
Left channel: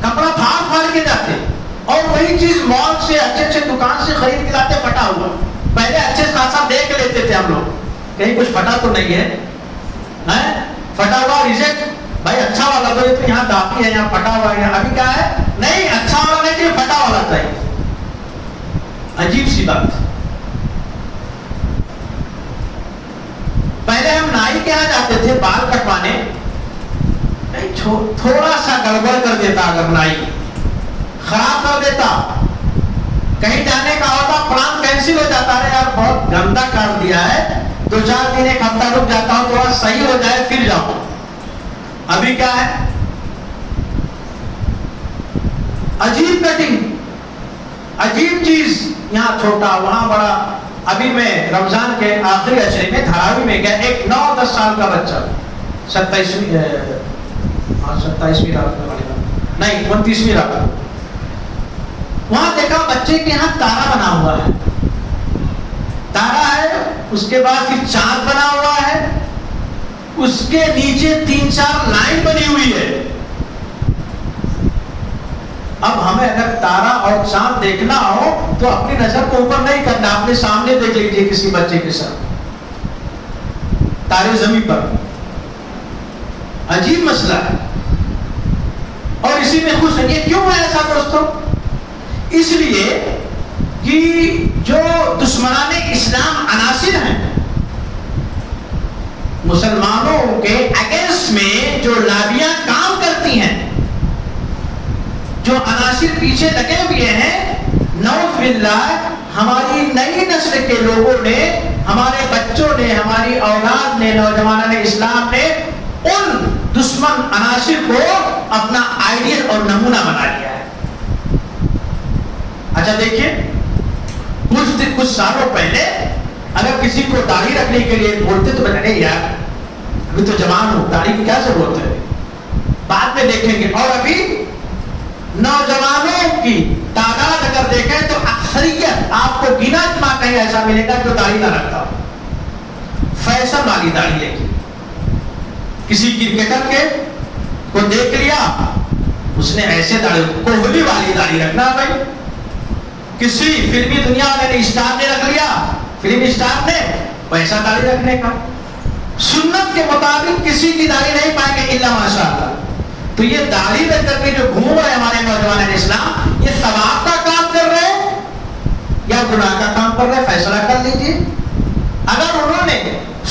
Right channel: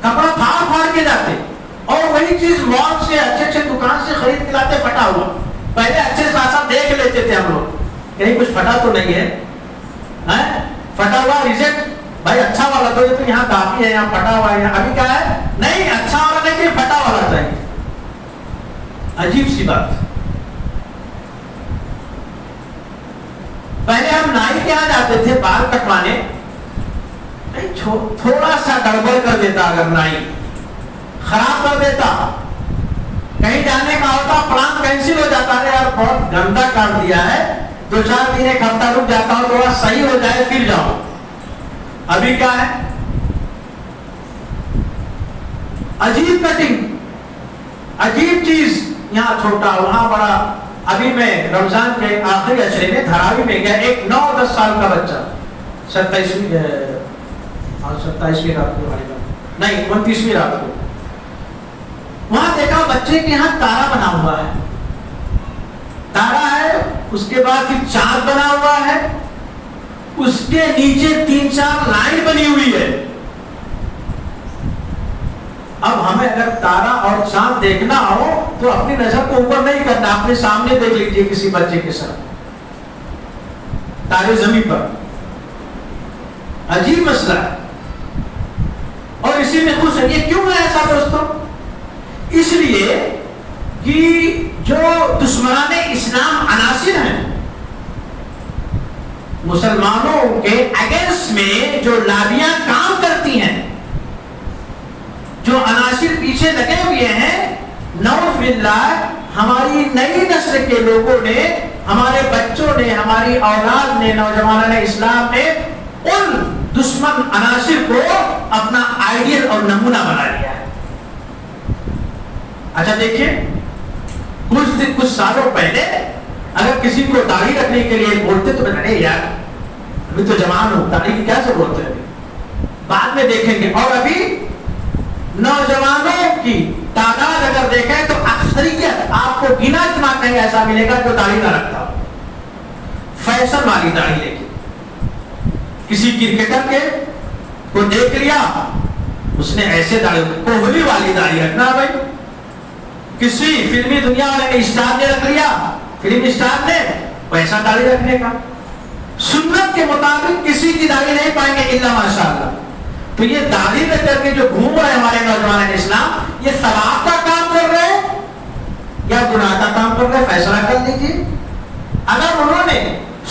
کپڑا پھاڑ پھاڑ کے جاتے، اور وہی چیز مال سے اچھے اچھے دکان سے خرید کے لاتے پھٹا ہوا۔ پہلے اچھے خاصا دیکھ لیتے تھے ہم لوگ، کہیں کچھ پھٹا تو نہیں ہے، پھٹا ہوا ریجیکٹ، بھائی اچھا والا تو یہ تو یہاں کافی ہے، یہاں پھٹا ہوا ہے۔ ابھی کیا ہے، نہیں اچھا والا نہیں چاہیے، پھٹا والا چاہیے۔ عجیب سی بات۔ پہلے ہم نائی کے یہاں جاتے تھے بال کٹوانے، تھوڑا سا گڑبڑ کر دیتا، اگر نائی خراب کر دیتا، کہیں جانے کا ہوتا پلان کینسل ہو جاتا، ہے یار بہت گندا کر دیا ہے، 2-4 دن ایک ہفتہ رک جاتا ہوں، تھوڑا صحیح ہو جائے پھر جاؤ۔ ابھی کیا ہے، عجیب کٹنگ، عجیب چیز، یہاں چھوٹا وہاں بڑا۔ ابھی میں رمضان کے آخری عشرے میں دھراوی میں گیا، ایک 9-10 سال کا بچہ، 27ویں رات کو نہیں 29ویں رات کو، وہاں دیکھا بچے کے یہاں تارا بنا ہوا ہے، تارا ہے، اس کے بعد پھر چاند بنا ہوا ہے، اس کے نیچے 3-4 لائن بنی ہوئی ہے۔ اب ہمیں اگر تارا اور چاند دیکھنا ہو تو اپنی نظر تو اوپر نہیں کرنا، اپنے سامنے دیکھ لیجیے کسی بچے کے ساتھ، تارے زمین پر۔ عجیب مسئلہ ہے، اور اسی میں خوش ہے۔ یہ کیوں ہے ایسا دوستوں؟ اس لیے کہ جو دشمنان اسلام عناصر ہیں، مسلمانوں کے اگینسٹ میں جو لابیاں کام کرتی ہیں، جو عناصر پیچھے لگے ہوئے ہیں، نعوذ باللہ ہماری نئی نسل کے لوگوں نے، ہمارے بچوں نے، ہماری اولاد نے، نوجوانان اسلام نے ان دشمن عناصر کو اپنا آئیڈیل اور نمونہ بنا لیا ہے۔ اچھا دیکھیے، کچھ سالوں پہلے اگر کسی کو داڑھی رکھنے کے لیے بولتے تو میں نہیں یار ابھی تو جوان ہوں، داڑھی کی کیا ضرورت ہے، بعد میں دیکھیں گے۔ اور ابھی نوجوانوں کی تعداد اگر دیکھیں تو اکثریت آپ کو گنا چنا کہیں ایسا ملے گا جو داڑھی نہ رکھتا ہو، فیشن والی داڑھی لے کے۔ کسی کرکٹر کے کو دیکھ لیا، اس نے ایسے داڑھی، کوہلی والی داڑھی رکھنا بھائی۔ کسی فلمی دنیا والے نے، اسٹار نے رکھ لیا، فلم اسٹار نے پیسہ داڑھی رکھنے کا۔ سنت کے مطابق کسی کی داڑھی نہیں پائیں گے الا ماشاءاللہ۔ تو یہ داڑھی رکھ کر کے جو گھوم رہے ہمارے نوجوان اسلام، یہ ثواب کا کام کر رہے ہیں یا گناہ کا کام کر رہے ہیں؟ فیصلہ کر لیجیے۔ اگر انہوں نے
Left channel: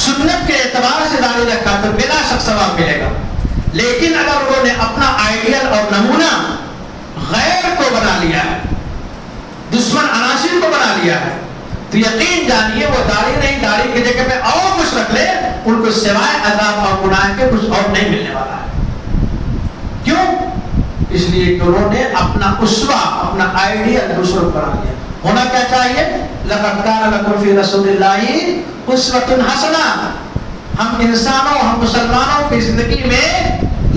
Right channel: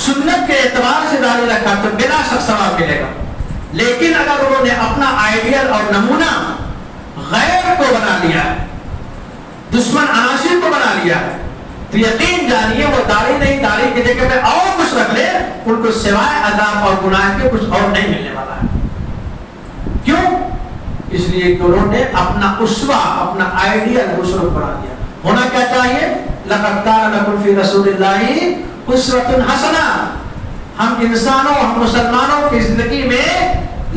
سنت کے اعتبار سے داڑھی رکھا تو بلا شک ثواب ملے گا، لیکن اگر انہوں نے اپنا آئیڈیل اور نمونہ غیر کو بنا لیا ہے، دشمن عناصر کو بنا لیا ہے، تو یقین جانیے وہ داڑھی نہیں، داڑھی کی جگہ پہ اور کچھ رکھ لے، ان کو سوائے عذاب اور گناہ کے کچھ اور نہیں ملنے والا ہے۔ کیوں؟ اس لیے کہ انہوں نے اپنا اسوہ، اپنا آئیڈیل دوسروں کو بنا دیا۔ ہونا کیا چاہیے؟ لقد کان لکم فی رسول اللہ اسوۃ حسنہ۔ ہم انسانوں، ہم مسلمانوں کی زندگی میں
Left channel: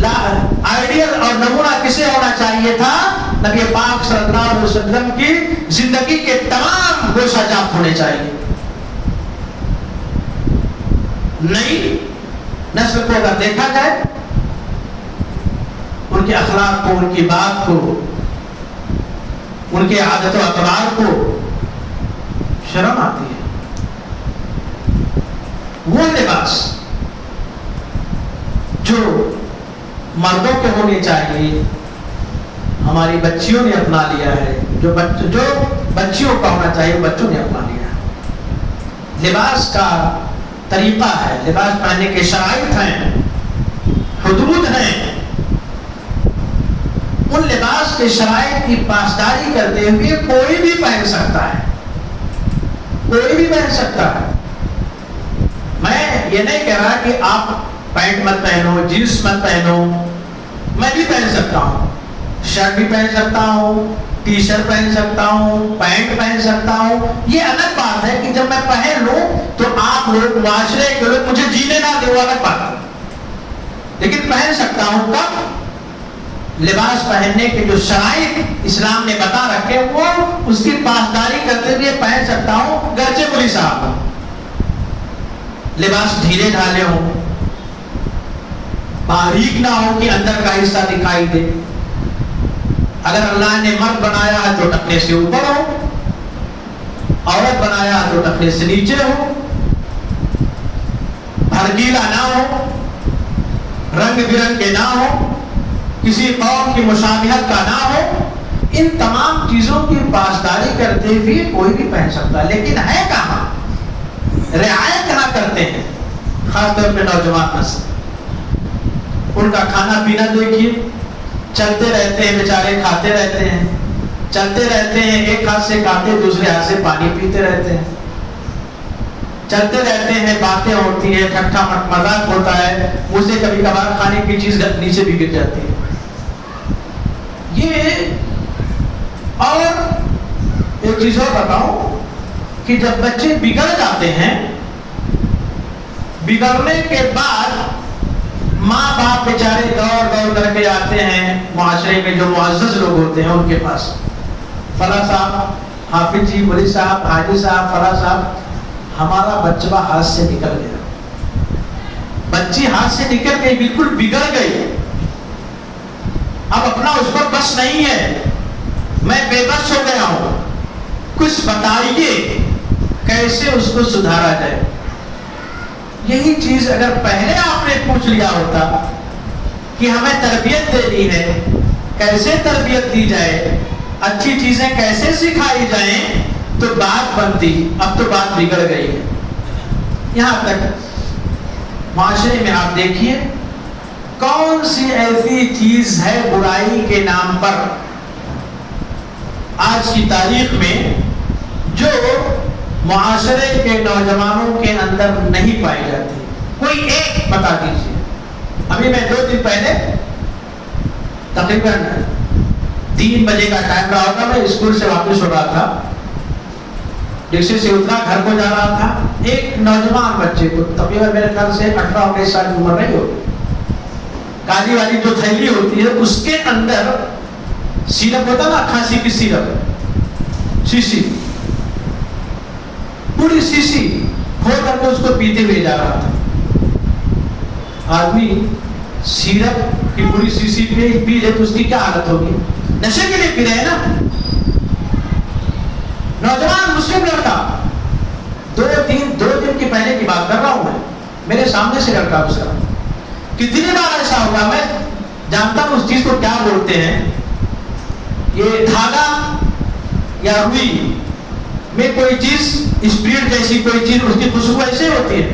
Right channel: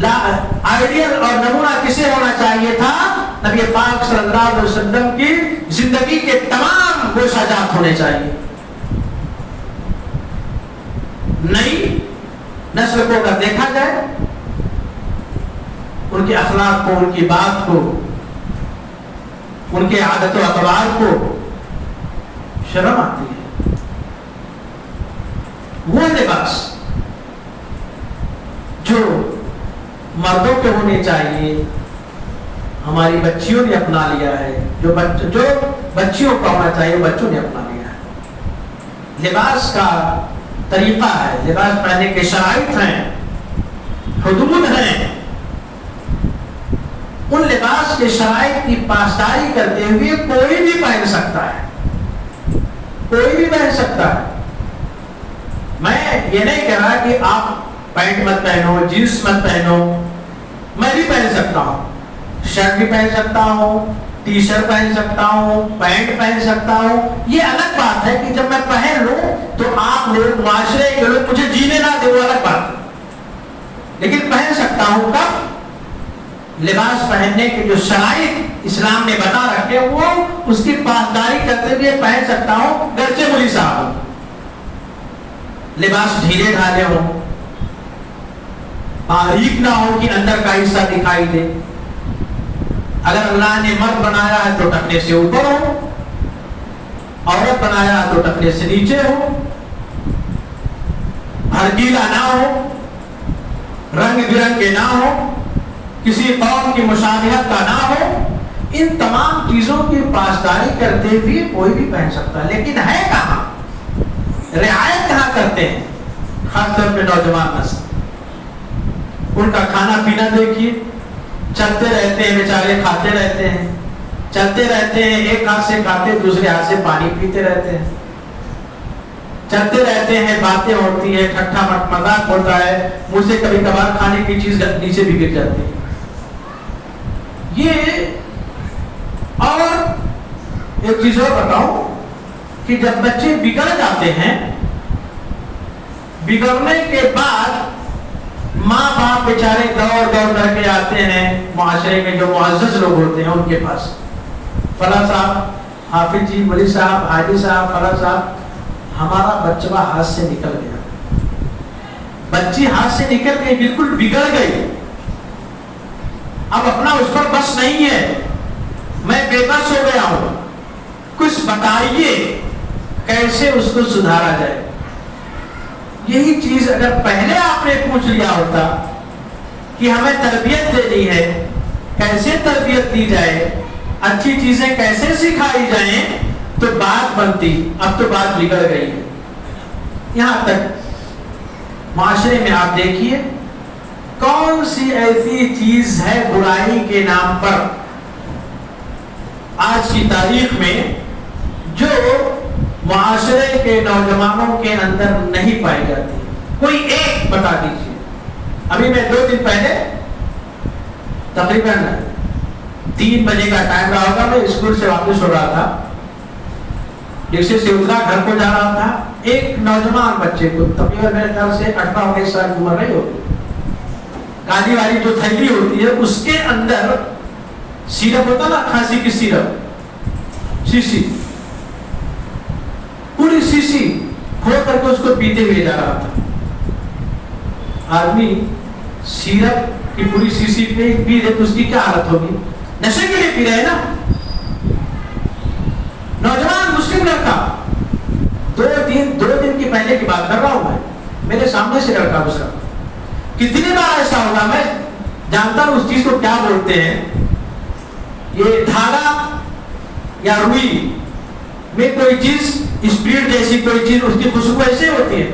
آئیڈیل اور نمونہ کسے ہونا چاہیے تھا؟ نبی پاک صلی اللہ علیہ وسلم کی زندگی کے تمام گوشہ جات ہونے چاہیے۔ نئی نسل کو اگر دیکھا جائے، ان کے اخلاق کو، ان کی بات کو، ان کے عادت و اقدار کو شرم آتی ہے۔ وہ لباس جو مردوں کے ہونے چاہیے ہماری بچیوں نے اپنا لیا ہے، جو بچیوں کا ہونا چاہیے بچوں نے اپنا لیا ہے۔ لباس کا طریقہ ہے، لباس پہننے کے شرائط ہیں، حدود ہیں۔ ان لباس کے شرائط کی پاسداری کرتے ہوئے کوئی بھی پہن سکتا ہے، کوئی بھی پہن سکتا ہے۔ میں یہ نہیں کہہ رہا کہ آپ پینٹ مت پہنو، جینس مت پہنو، میں بھی پہن سکتا ہوں، شرٹ بھی پہن سکتا ہوں، ٹی شرٹ پہن سکتا ہوں، پینٹ پہن سکتا ہوں، یہ الگ بات ہے کہ جب میں پہن لوں تو آپ لوگ معاشرے کے لوگ مجھے جینے نہ دے، وہ الگ بات ہے. لیکن پہن سکتا ہوں. کب؟ لباس پہننے کے جو شرائط اسلام نے بتا رکھے وہ اس کی پاسداری کرتے ہوئے پہن سکتا ہوں، گرچہ مولوی صاحب ہوں. لباس ڈھیلے ڈھالے ہوں، باریک نہ ہو کہ اندر کا حصہ دکھائی دے. اگر اللہ نے مرد بنایا ہے تو ٹخنے سے اوپر ہو، عورت بنایا ہے تو ٹخنے سے نیچے ہو، بھڑکیلا نہ ہو، رنگ برنگ کے نہ ہو، کسی قوم کی مشابہت کا نہ ہو. ان تمام چیزوں کی پاسداری کرتے ہوئے کوئی بھی پہن سکتا ہے. لیکن ہے کہاں رعایت کہاں کرتے ہیں؟ خاص طور پہ نوجوان نسل. ان کا کھانا پینا دیکھیے، چلتے رہتے ہیں بیچارے، کھاتے رہتے ہیں، چلتے رہتے ہیں، ایک ہاتھ سے کھاتے دوسرے ہاتھ سے پانی پیتے رہتے ہیں، چلتے رہتے ہیں، باتیں ہوتی ہیں، ٹھٹھا مذاق ہوتا ہے، مجھ سے کبھی کبھار کھانے کی چیز نیچے بھی گر جاتی ہے. یہ اور ایک چیز اور بتاؤں کہ جب بچے بگڑ جاتے ہیں، بگڑنے کے بعد ماں باپ بیچارے دوڑ دوڑ کر کے آتے ہیں معاشرے میں جو معزز لوگ ہوتے ہیں ان کے پاس. فلاں صاحب، حافظ جی، مولوی صاحب، حاجی صاحب، فلاں صاحب، ہمارا بچہ ہاتھ سے نکل گیا، بچی ہاتھ سے نکل گئی، بالکل بگڑ گئی، اب اپنا اس پر بس نہیں ہے، میں بے بس ہو گیا ہوں، کچھ بتائیے کیسے اس کو سدھارا جائے. یہی چیز اگر پہلے آپ نے پوچھ لیا ہوتا کہ ہمیں تربیت دینی ہے، کیسے تربیت دی جائے، اچھی چیزیں کیسے سکھائی جائیں تو بات بنتی. اب تو بات بگڑ گئی ہے. یہاں تک معاشرے میں آپ دیکھیے کون سی ایسی چیز ہے برائی کے نام پر آج کی تاریخ میں جو معاشرے کے نوجوانوں کے اندر نہیں پائی جاتی. کوئی ایک بتا دیجیے. ابھی میں 2 دن پہلے تقریباً 3 بجے کا ٹائم رہا ہوگا، میں اسکول سے واپس ہو رہا تھا، رکشے سے اترا، گھر کو جا رہا تھا. ایک نوجوان بچے کو تقریباً میرے خیال سے 18-19 سال کی عمر نہیں ہوگی، کالی والی جو تھیلی ہوتی ہے اس کے اندر سیرپ ہوتا نا، کھانسی کی سیرپ، شیشی، پوری شیشی کھول کر کے اس کو پیتے ہوئے جا رہا تھا. آدمی سیرپ کی پوری شیشی پی رہے تو اس کی کیا حالت ہوگی؟ نشے کے لیے پی رہے ہیں نا. نوجوان مسلم لڑکا، 2 دن کی پہلے کی بات کر رہا ہوں میں، میرے سامنے سے لڑکا گزرا. کتنی بار ایسا ہوگا، میں جانتا ہوں اس چیز کو کیا بولتے ہیں. یہ دھاگا یا روئی میں کوئی چیز اسپرٹ جیسی کوئی چیز، اس کی خوشبو ایسے ہوتی ہے،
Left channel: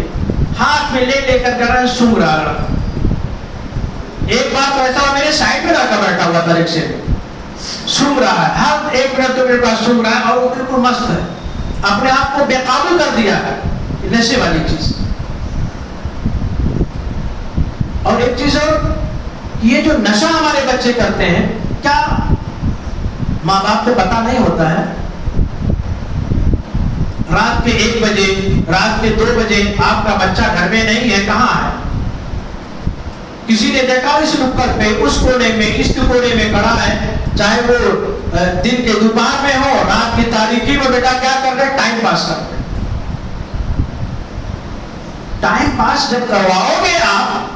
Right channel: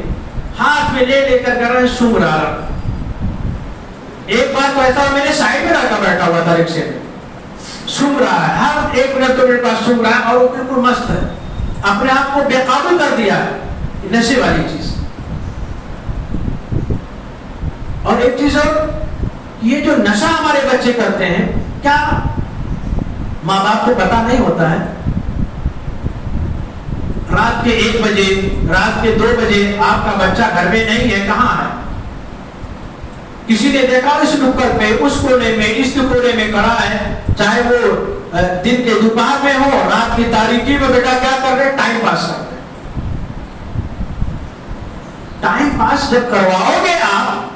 ہاتھ میں لے کر کر سونگ رہا. ایک بار تو ایسا میرے سائڈ میں لڑکا بیٹھا ہوا تھا رکشے میں، سونگ رہا ہے، ہر 1 منٹ تو میرے پاس سونگ رہا ہے، اور وہ بالکل مست ہے، اپنے آپ کو بے قابو کر دیا ہے. نشے والی چیز. اور ایک چیز اور، یہ جو نشہ ہمارے بچے کرتے ہیں، کیا ماں باپ کو پتا نہیں ہوتا ہے؟ رات کے 1 بجے، رات کے 2 بجے آپ کا بچہ گھر میں نہیں ہے، کہاں ہے؟ کسی نے دیکھا اس نکڑ پہ، اس کونے میں، اس کونے میں کھڑا ہے، چاہے وہ دن کے دوپہر میں ہو، رات کی تاریکی میں، بیٹا کیا کر رہے؟ ٹائم پاس کر رہے. ٹائم پاس جب کرواؤ گے آپ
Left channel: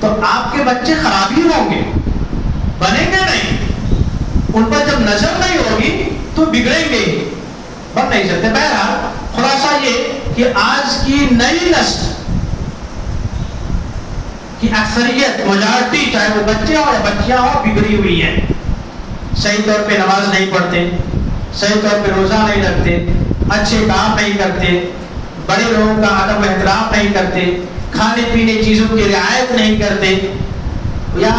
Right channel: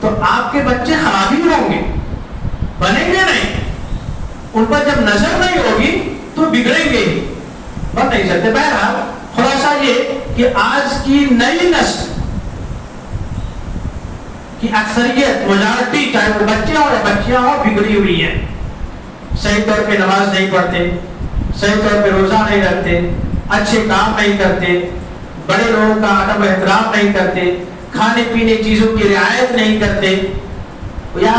تو آپ کے بچے خراب ہی ہوں گے، بنیں گے نہیں. ان پر جب نظر نہیں ہوگی تو بگڑیں گے، بن نہیں سکتے. بہرحال خلاصہ یہ کہ آج کی نئی نسل کی اکثریت، میجارٹی، چاہے وہ بچے ہوں یا بچیاں ہوں، بگڑی ہوئی ہیں. صحیح طور پہ نماز نہیں پڑھتے، صحیح طور پہ روزہ نہیں رکھتے، اچھے کام نہیں کرتے، بڑے لوگوں کا ادب و احترام نہیں کرتے، کھانے پینے چیزوں کی رعایت نہیں کرتے، یا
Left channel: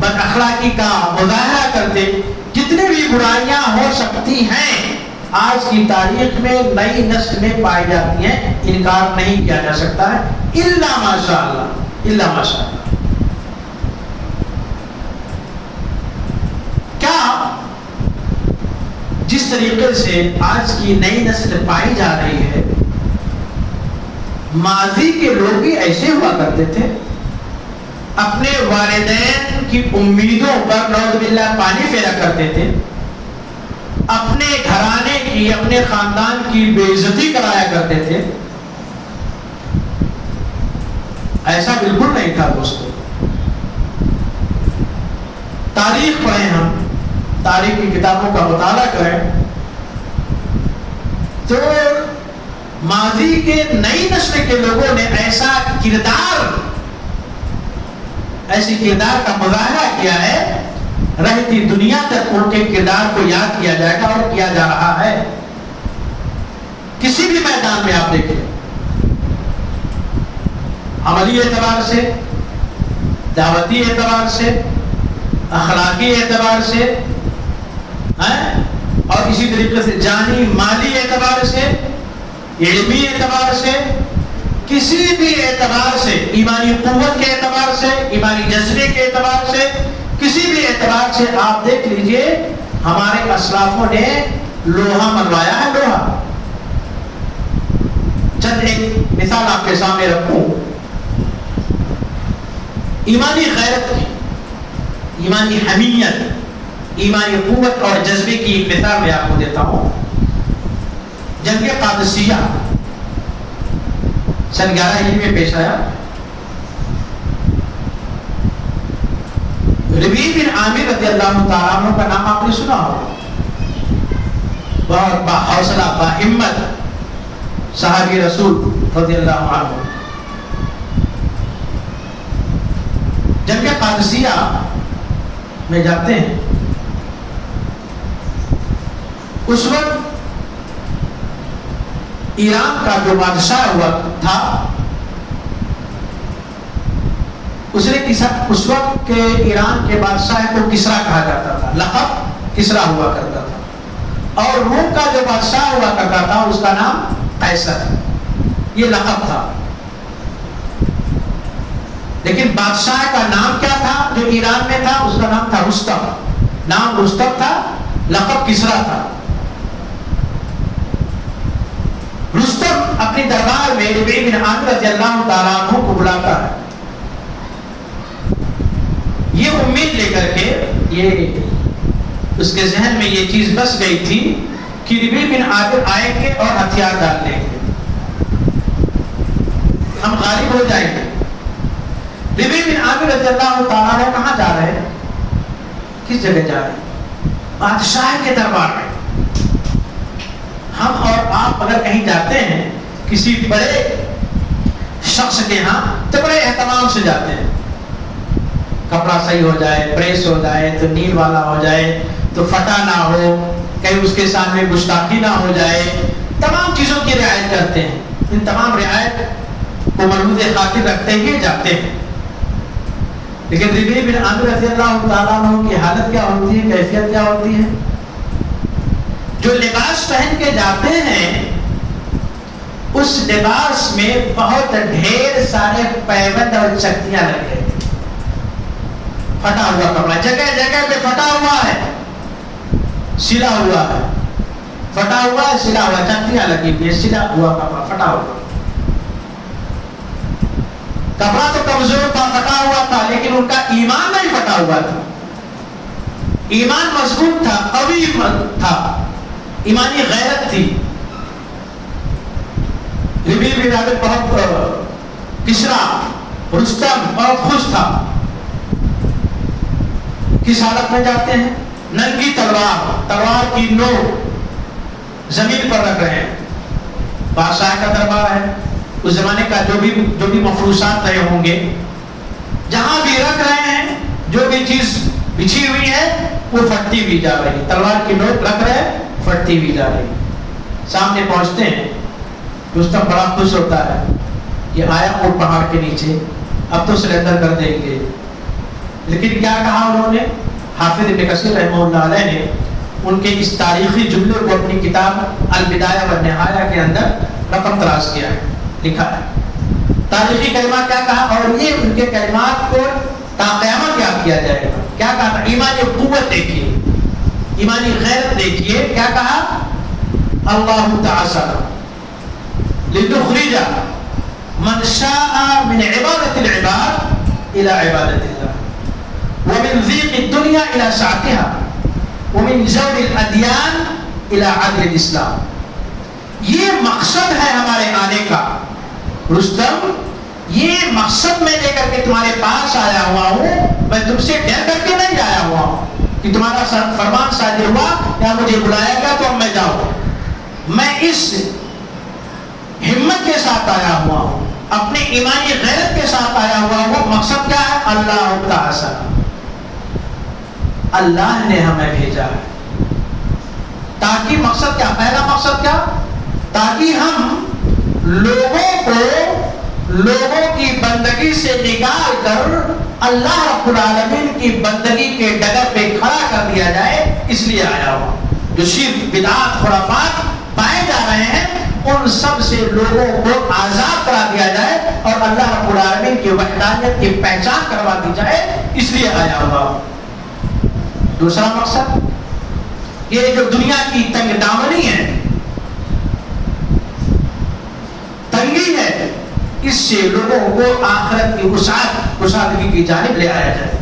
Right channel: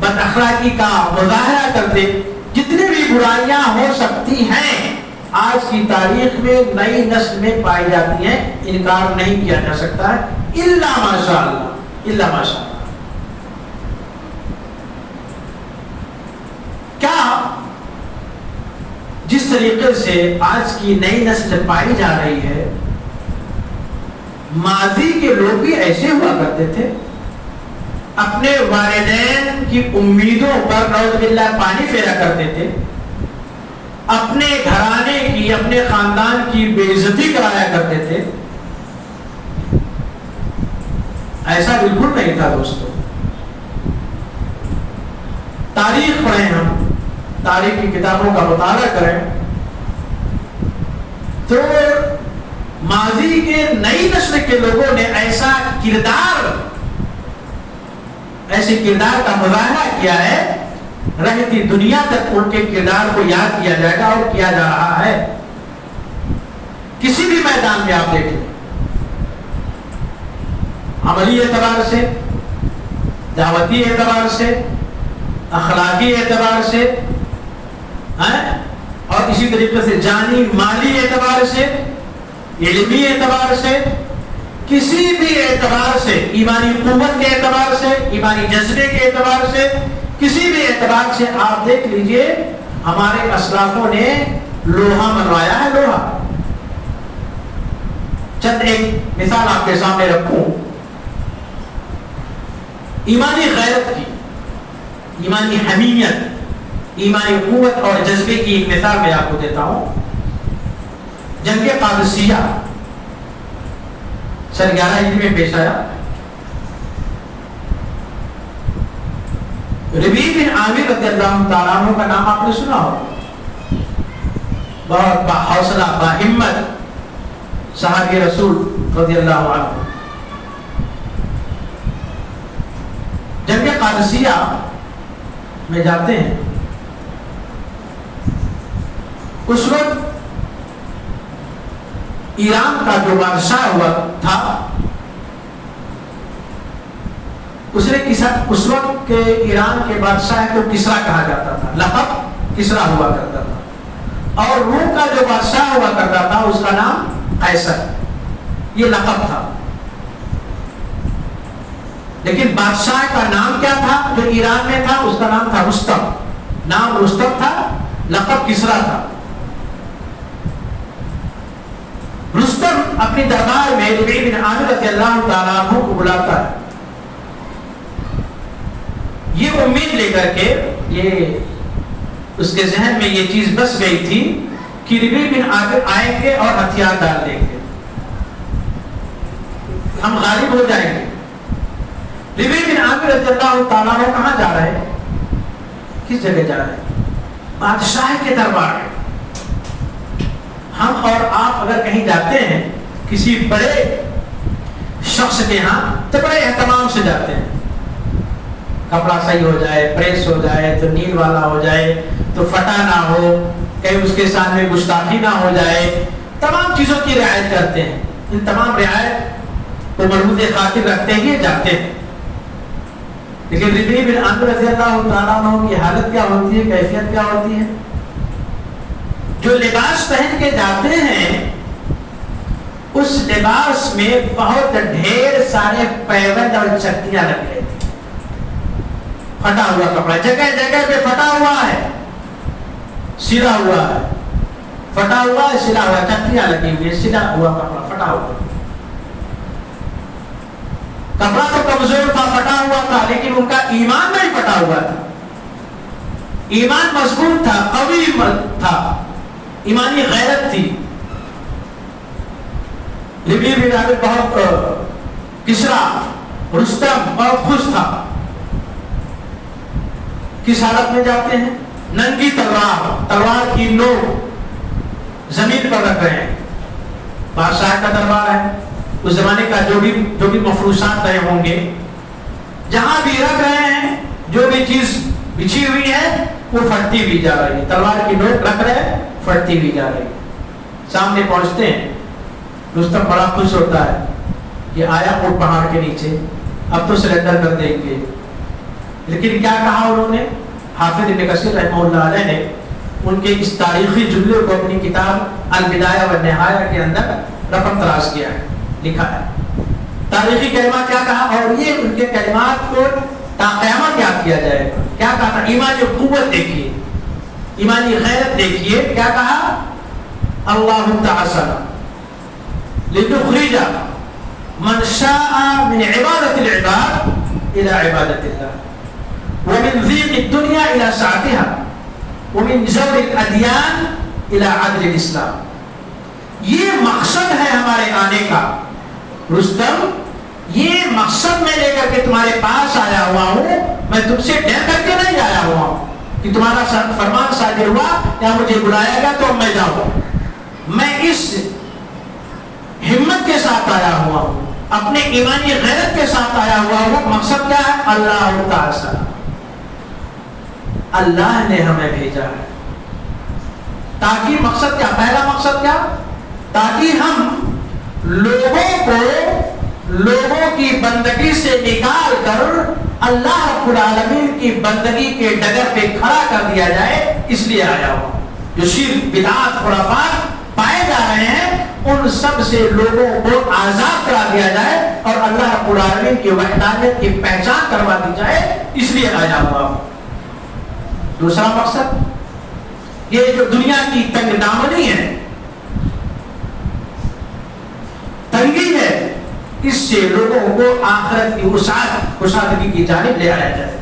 بد اخلاقی کا مظاہرہ کرتے. جتنی بھی برائیاں ہو سکتی ہیں آج کی تاریخ میں نئی نسل میں پائی جاتی ہیں، انکار نہیں کیا جا سکتا ہے، الا ماشاء اللہ، الا ماشاء اللہ. کیا طریقے سے آج کی نئی نسل پائی جا رہی ہے، ماضی کے لوگ بھی ایسے ہوا کرتے تھے، اپنے والدین کی امیدوں پر نعوذ باللہ پانی پھیرا کرتے تھے، اپنے گھرانے کی، اپنے خاندان کی بے عزتی کرایا کرتے تھے. ایسا بالکل نہیں تھا دوستو. تاریخ پڑھیں، ہم تاریخ کی کتابوں کا مطالعہ کریں تو ماضی کے نئی نسل کے لوگوں نے ایسے کردار کا مظاہرہ کیا ہے، رہتی دنیا تک ان کے کردار کو یاد کیا جائے گا اور کیا جا رہا ہے. کسی بھی میدان میں آپ دیکھیں، عملی اعتبار سے، دعوتی اعتبار سے، اخلاقی اعتبار سے، اور اسی طریقے سے جانی مالی اعتبار سے، علمی اعتبار سے، کسی بھی اعتبار سے، ایمانی قوت کے اعتبار سے، ایمانی جذبے کے اعتبار سے، کسی بھی اعتبار سے آپ دیکھ لیجئے ہمارے اسلافوں نے لوہا منوایا ہے. لوہا، چند ایک مثال آپ کے سامنے رکھوں. ایمانی غیرت کی، ایمانی حمیت، ایمانی قوت اور جذبے کی ایک مثال میں آپ کو دیتا ہوں. جنگ قادسیہ سن 11 ہجری میں پیش آیا. ربیع بن عامر رضی اللہ تعالیٰ عنہ کا نام آپ نے سنا ہو. بہت حوصلہ، باہمت صحابی رسول رضی اللہ عنہ. جنگ قادسیہ میں جاتے ہیں. اس وقت ایران کا جو بادشاہ ہوا تھا، اس وقت کے ایران کے بادشاہ کو کسرا کہا جاتا تھا، لقب کسرا ہوا کرتا تھا. اور روم کا جو بادشاہ ہوا کرتا تھا اس کا نام قیصر، یہ لقب تھا. لیکن بادشاہ کا نام کیا تھا جو ایران میں تھا؟ اس کا نام تھا رستم. نام رستم تھا، لقب کسرا تھا. رستم اپنی دربار میں ربیع بن عامر رضی اللہ تعالیٰ عنہ کو بلاتا ہے. یہ امید لے کر کے، اس کے ذہن میں یہ چیز بس گئی تھی کہ ربیع بن عامر آئیں گے اور ہتھیار ڈال لیں گے، ہم غالب ہو جائیں گے. ربیع بن عامر رضی اللہ تعالیٰ عنہ کہاں جا رہے ہیں؟ کس جگہ جا رہے ہیں؟ بادشاہ کے دربار میں. ہم اور آپ اگر کہیں جاتے ہیں کسی بڑے شخص کے ہاں تو بڑے اہتمام سے جاتے ہیں. کپڑا صحیح ہو جائے، پریس ہو جائے، تو نیل والا ہو جائے، تو پھٹا نہ ہو، کہیں اس کے سامنے گستاخی نہ ہو جائے، تمام چیزوں کی رعایت کرتے ہیں. ان تمام رعایت کو مربوط خاطر رکھتے ہوئے جاتے ہیں. لیکن ربیع بن عامر رضی اللہ تعالیٰ عنہ کی حالت کیا ہوتی ہے، کیفیت کیا ہوتی ہے؟ جو لباس پہن کے جاتے ہیں اس لباس میں بہت ڈھیر سارے پیوند اور چکتیاں لگ رہی تھی. پھٹا ہوا کپڑا جگہ جگہ پہ پھٹا ہوا ہے، سلا ہوا ہے، پھٹا ہوا ہے، سلا ہوا، چکتیاں لگی ہوئی ہے، سلا ہوا کپڑا پھٹا ہوا. کپڑا تو کمزور تھا، پھٹا ہوا تھا، لیکن ان کا ایمان نہیں پھٹا ہوا تھا. ایمان مضبوط تھا، قوی تھا، ایمانی غیرت تھی. ربیع بن عامر بہت کسرا رستم بہت خوش تھا. کس حالت میں جاتے ہیں؟ ننگی تلوار کی نوک زمین پر رکھ رہے ہیں. بادشاہ کا دربار ہے، اس زمانے کا جو بھی مفروضات رہے ہوں گے، جہاں بھی رکھ رہے ہیں، جو بھی چیز بچھی ہوئی ہے وہ پھٹتی ہوئی جا رہی ہے. تلوار کی نوک رکھ رہے ہیں، پھٹتی ہوئی جا رہی ہے. سامنے پہنچتے ہیں، رستم بڑا خوش ہوتا ہے، یہ آیا وہ پہاڑ کے نیچے، اب تو سرنڈر کر دیں گے. لیکن کیا کہا انہوں نے؟ حافظ ابن کثیر رحمہ اللہ علیہ نے ان کے اس تاریخی جملے کو اپنی کتاب البدایہ والنہایہ کے اندر رقم تراش کیا ہے، لکھا ہے. تاریخی کلمات کیا کہا، اور یہ ان کے کلمات کو تا قیامت یاد کیا جائے گا. کیا کہا؟ ایمان کی قوت دیکھیے، ایمانی غیرت دیکھیے کیا کہا؟ اللہ تعالی لتخرج من شاء من عبادت العباد الى عبادت اللہ ومن ضيق الدنيا الى سعتها ومن جور الادیان الى عدل الاسلام. یہ مقصد ہے ہمارے آنے کا رستم، یہ مقصد میں لے کر کے تمہارے پاس آیا ہوا ہوں. میں تم سے ڈر کر کے نہیں آیا ہوا ہوں کہ تمہارا فرمان صادر ہوا یا مجھے بلایا گیا تو اب میں جاؤں. میں اس ہمت کے ساتھ آیا ہوا ہوں، اپنے ایمانی غیرت کے ساتھ آیا ہوا ہوں. مقصد کیا ہے؟ اللہ تعالی، اللہ نے ہمیں بھیجا ہے تاکہ مقصد کیا؟ پہلا مقصد کیا؟ تاکہ ہم لوگوں کی بندگی سے نکال کر اللہ رب العالمین کی بندگی کے ڈگر پہ کھڑا کر دیا جائے، اس لیے آیا ہوا. جو شرک بدعات خرافات پائے جا رہے ہیں ان سب سے لوگوں کو آزاد کرا دیا جائے اور اللہ رب العالمین کی وحدانیت کی پہچان کروا دی جائے، اس لیے آیا ہوا. دوسرا مقصد یہ جو دنیا کی تنگ دامنی ہے، تنگی ہے، اس سے لوگوں کو آخرت کی کشادگی کی جانب لے آیا جائے.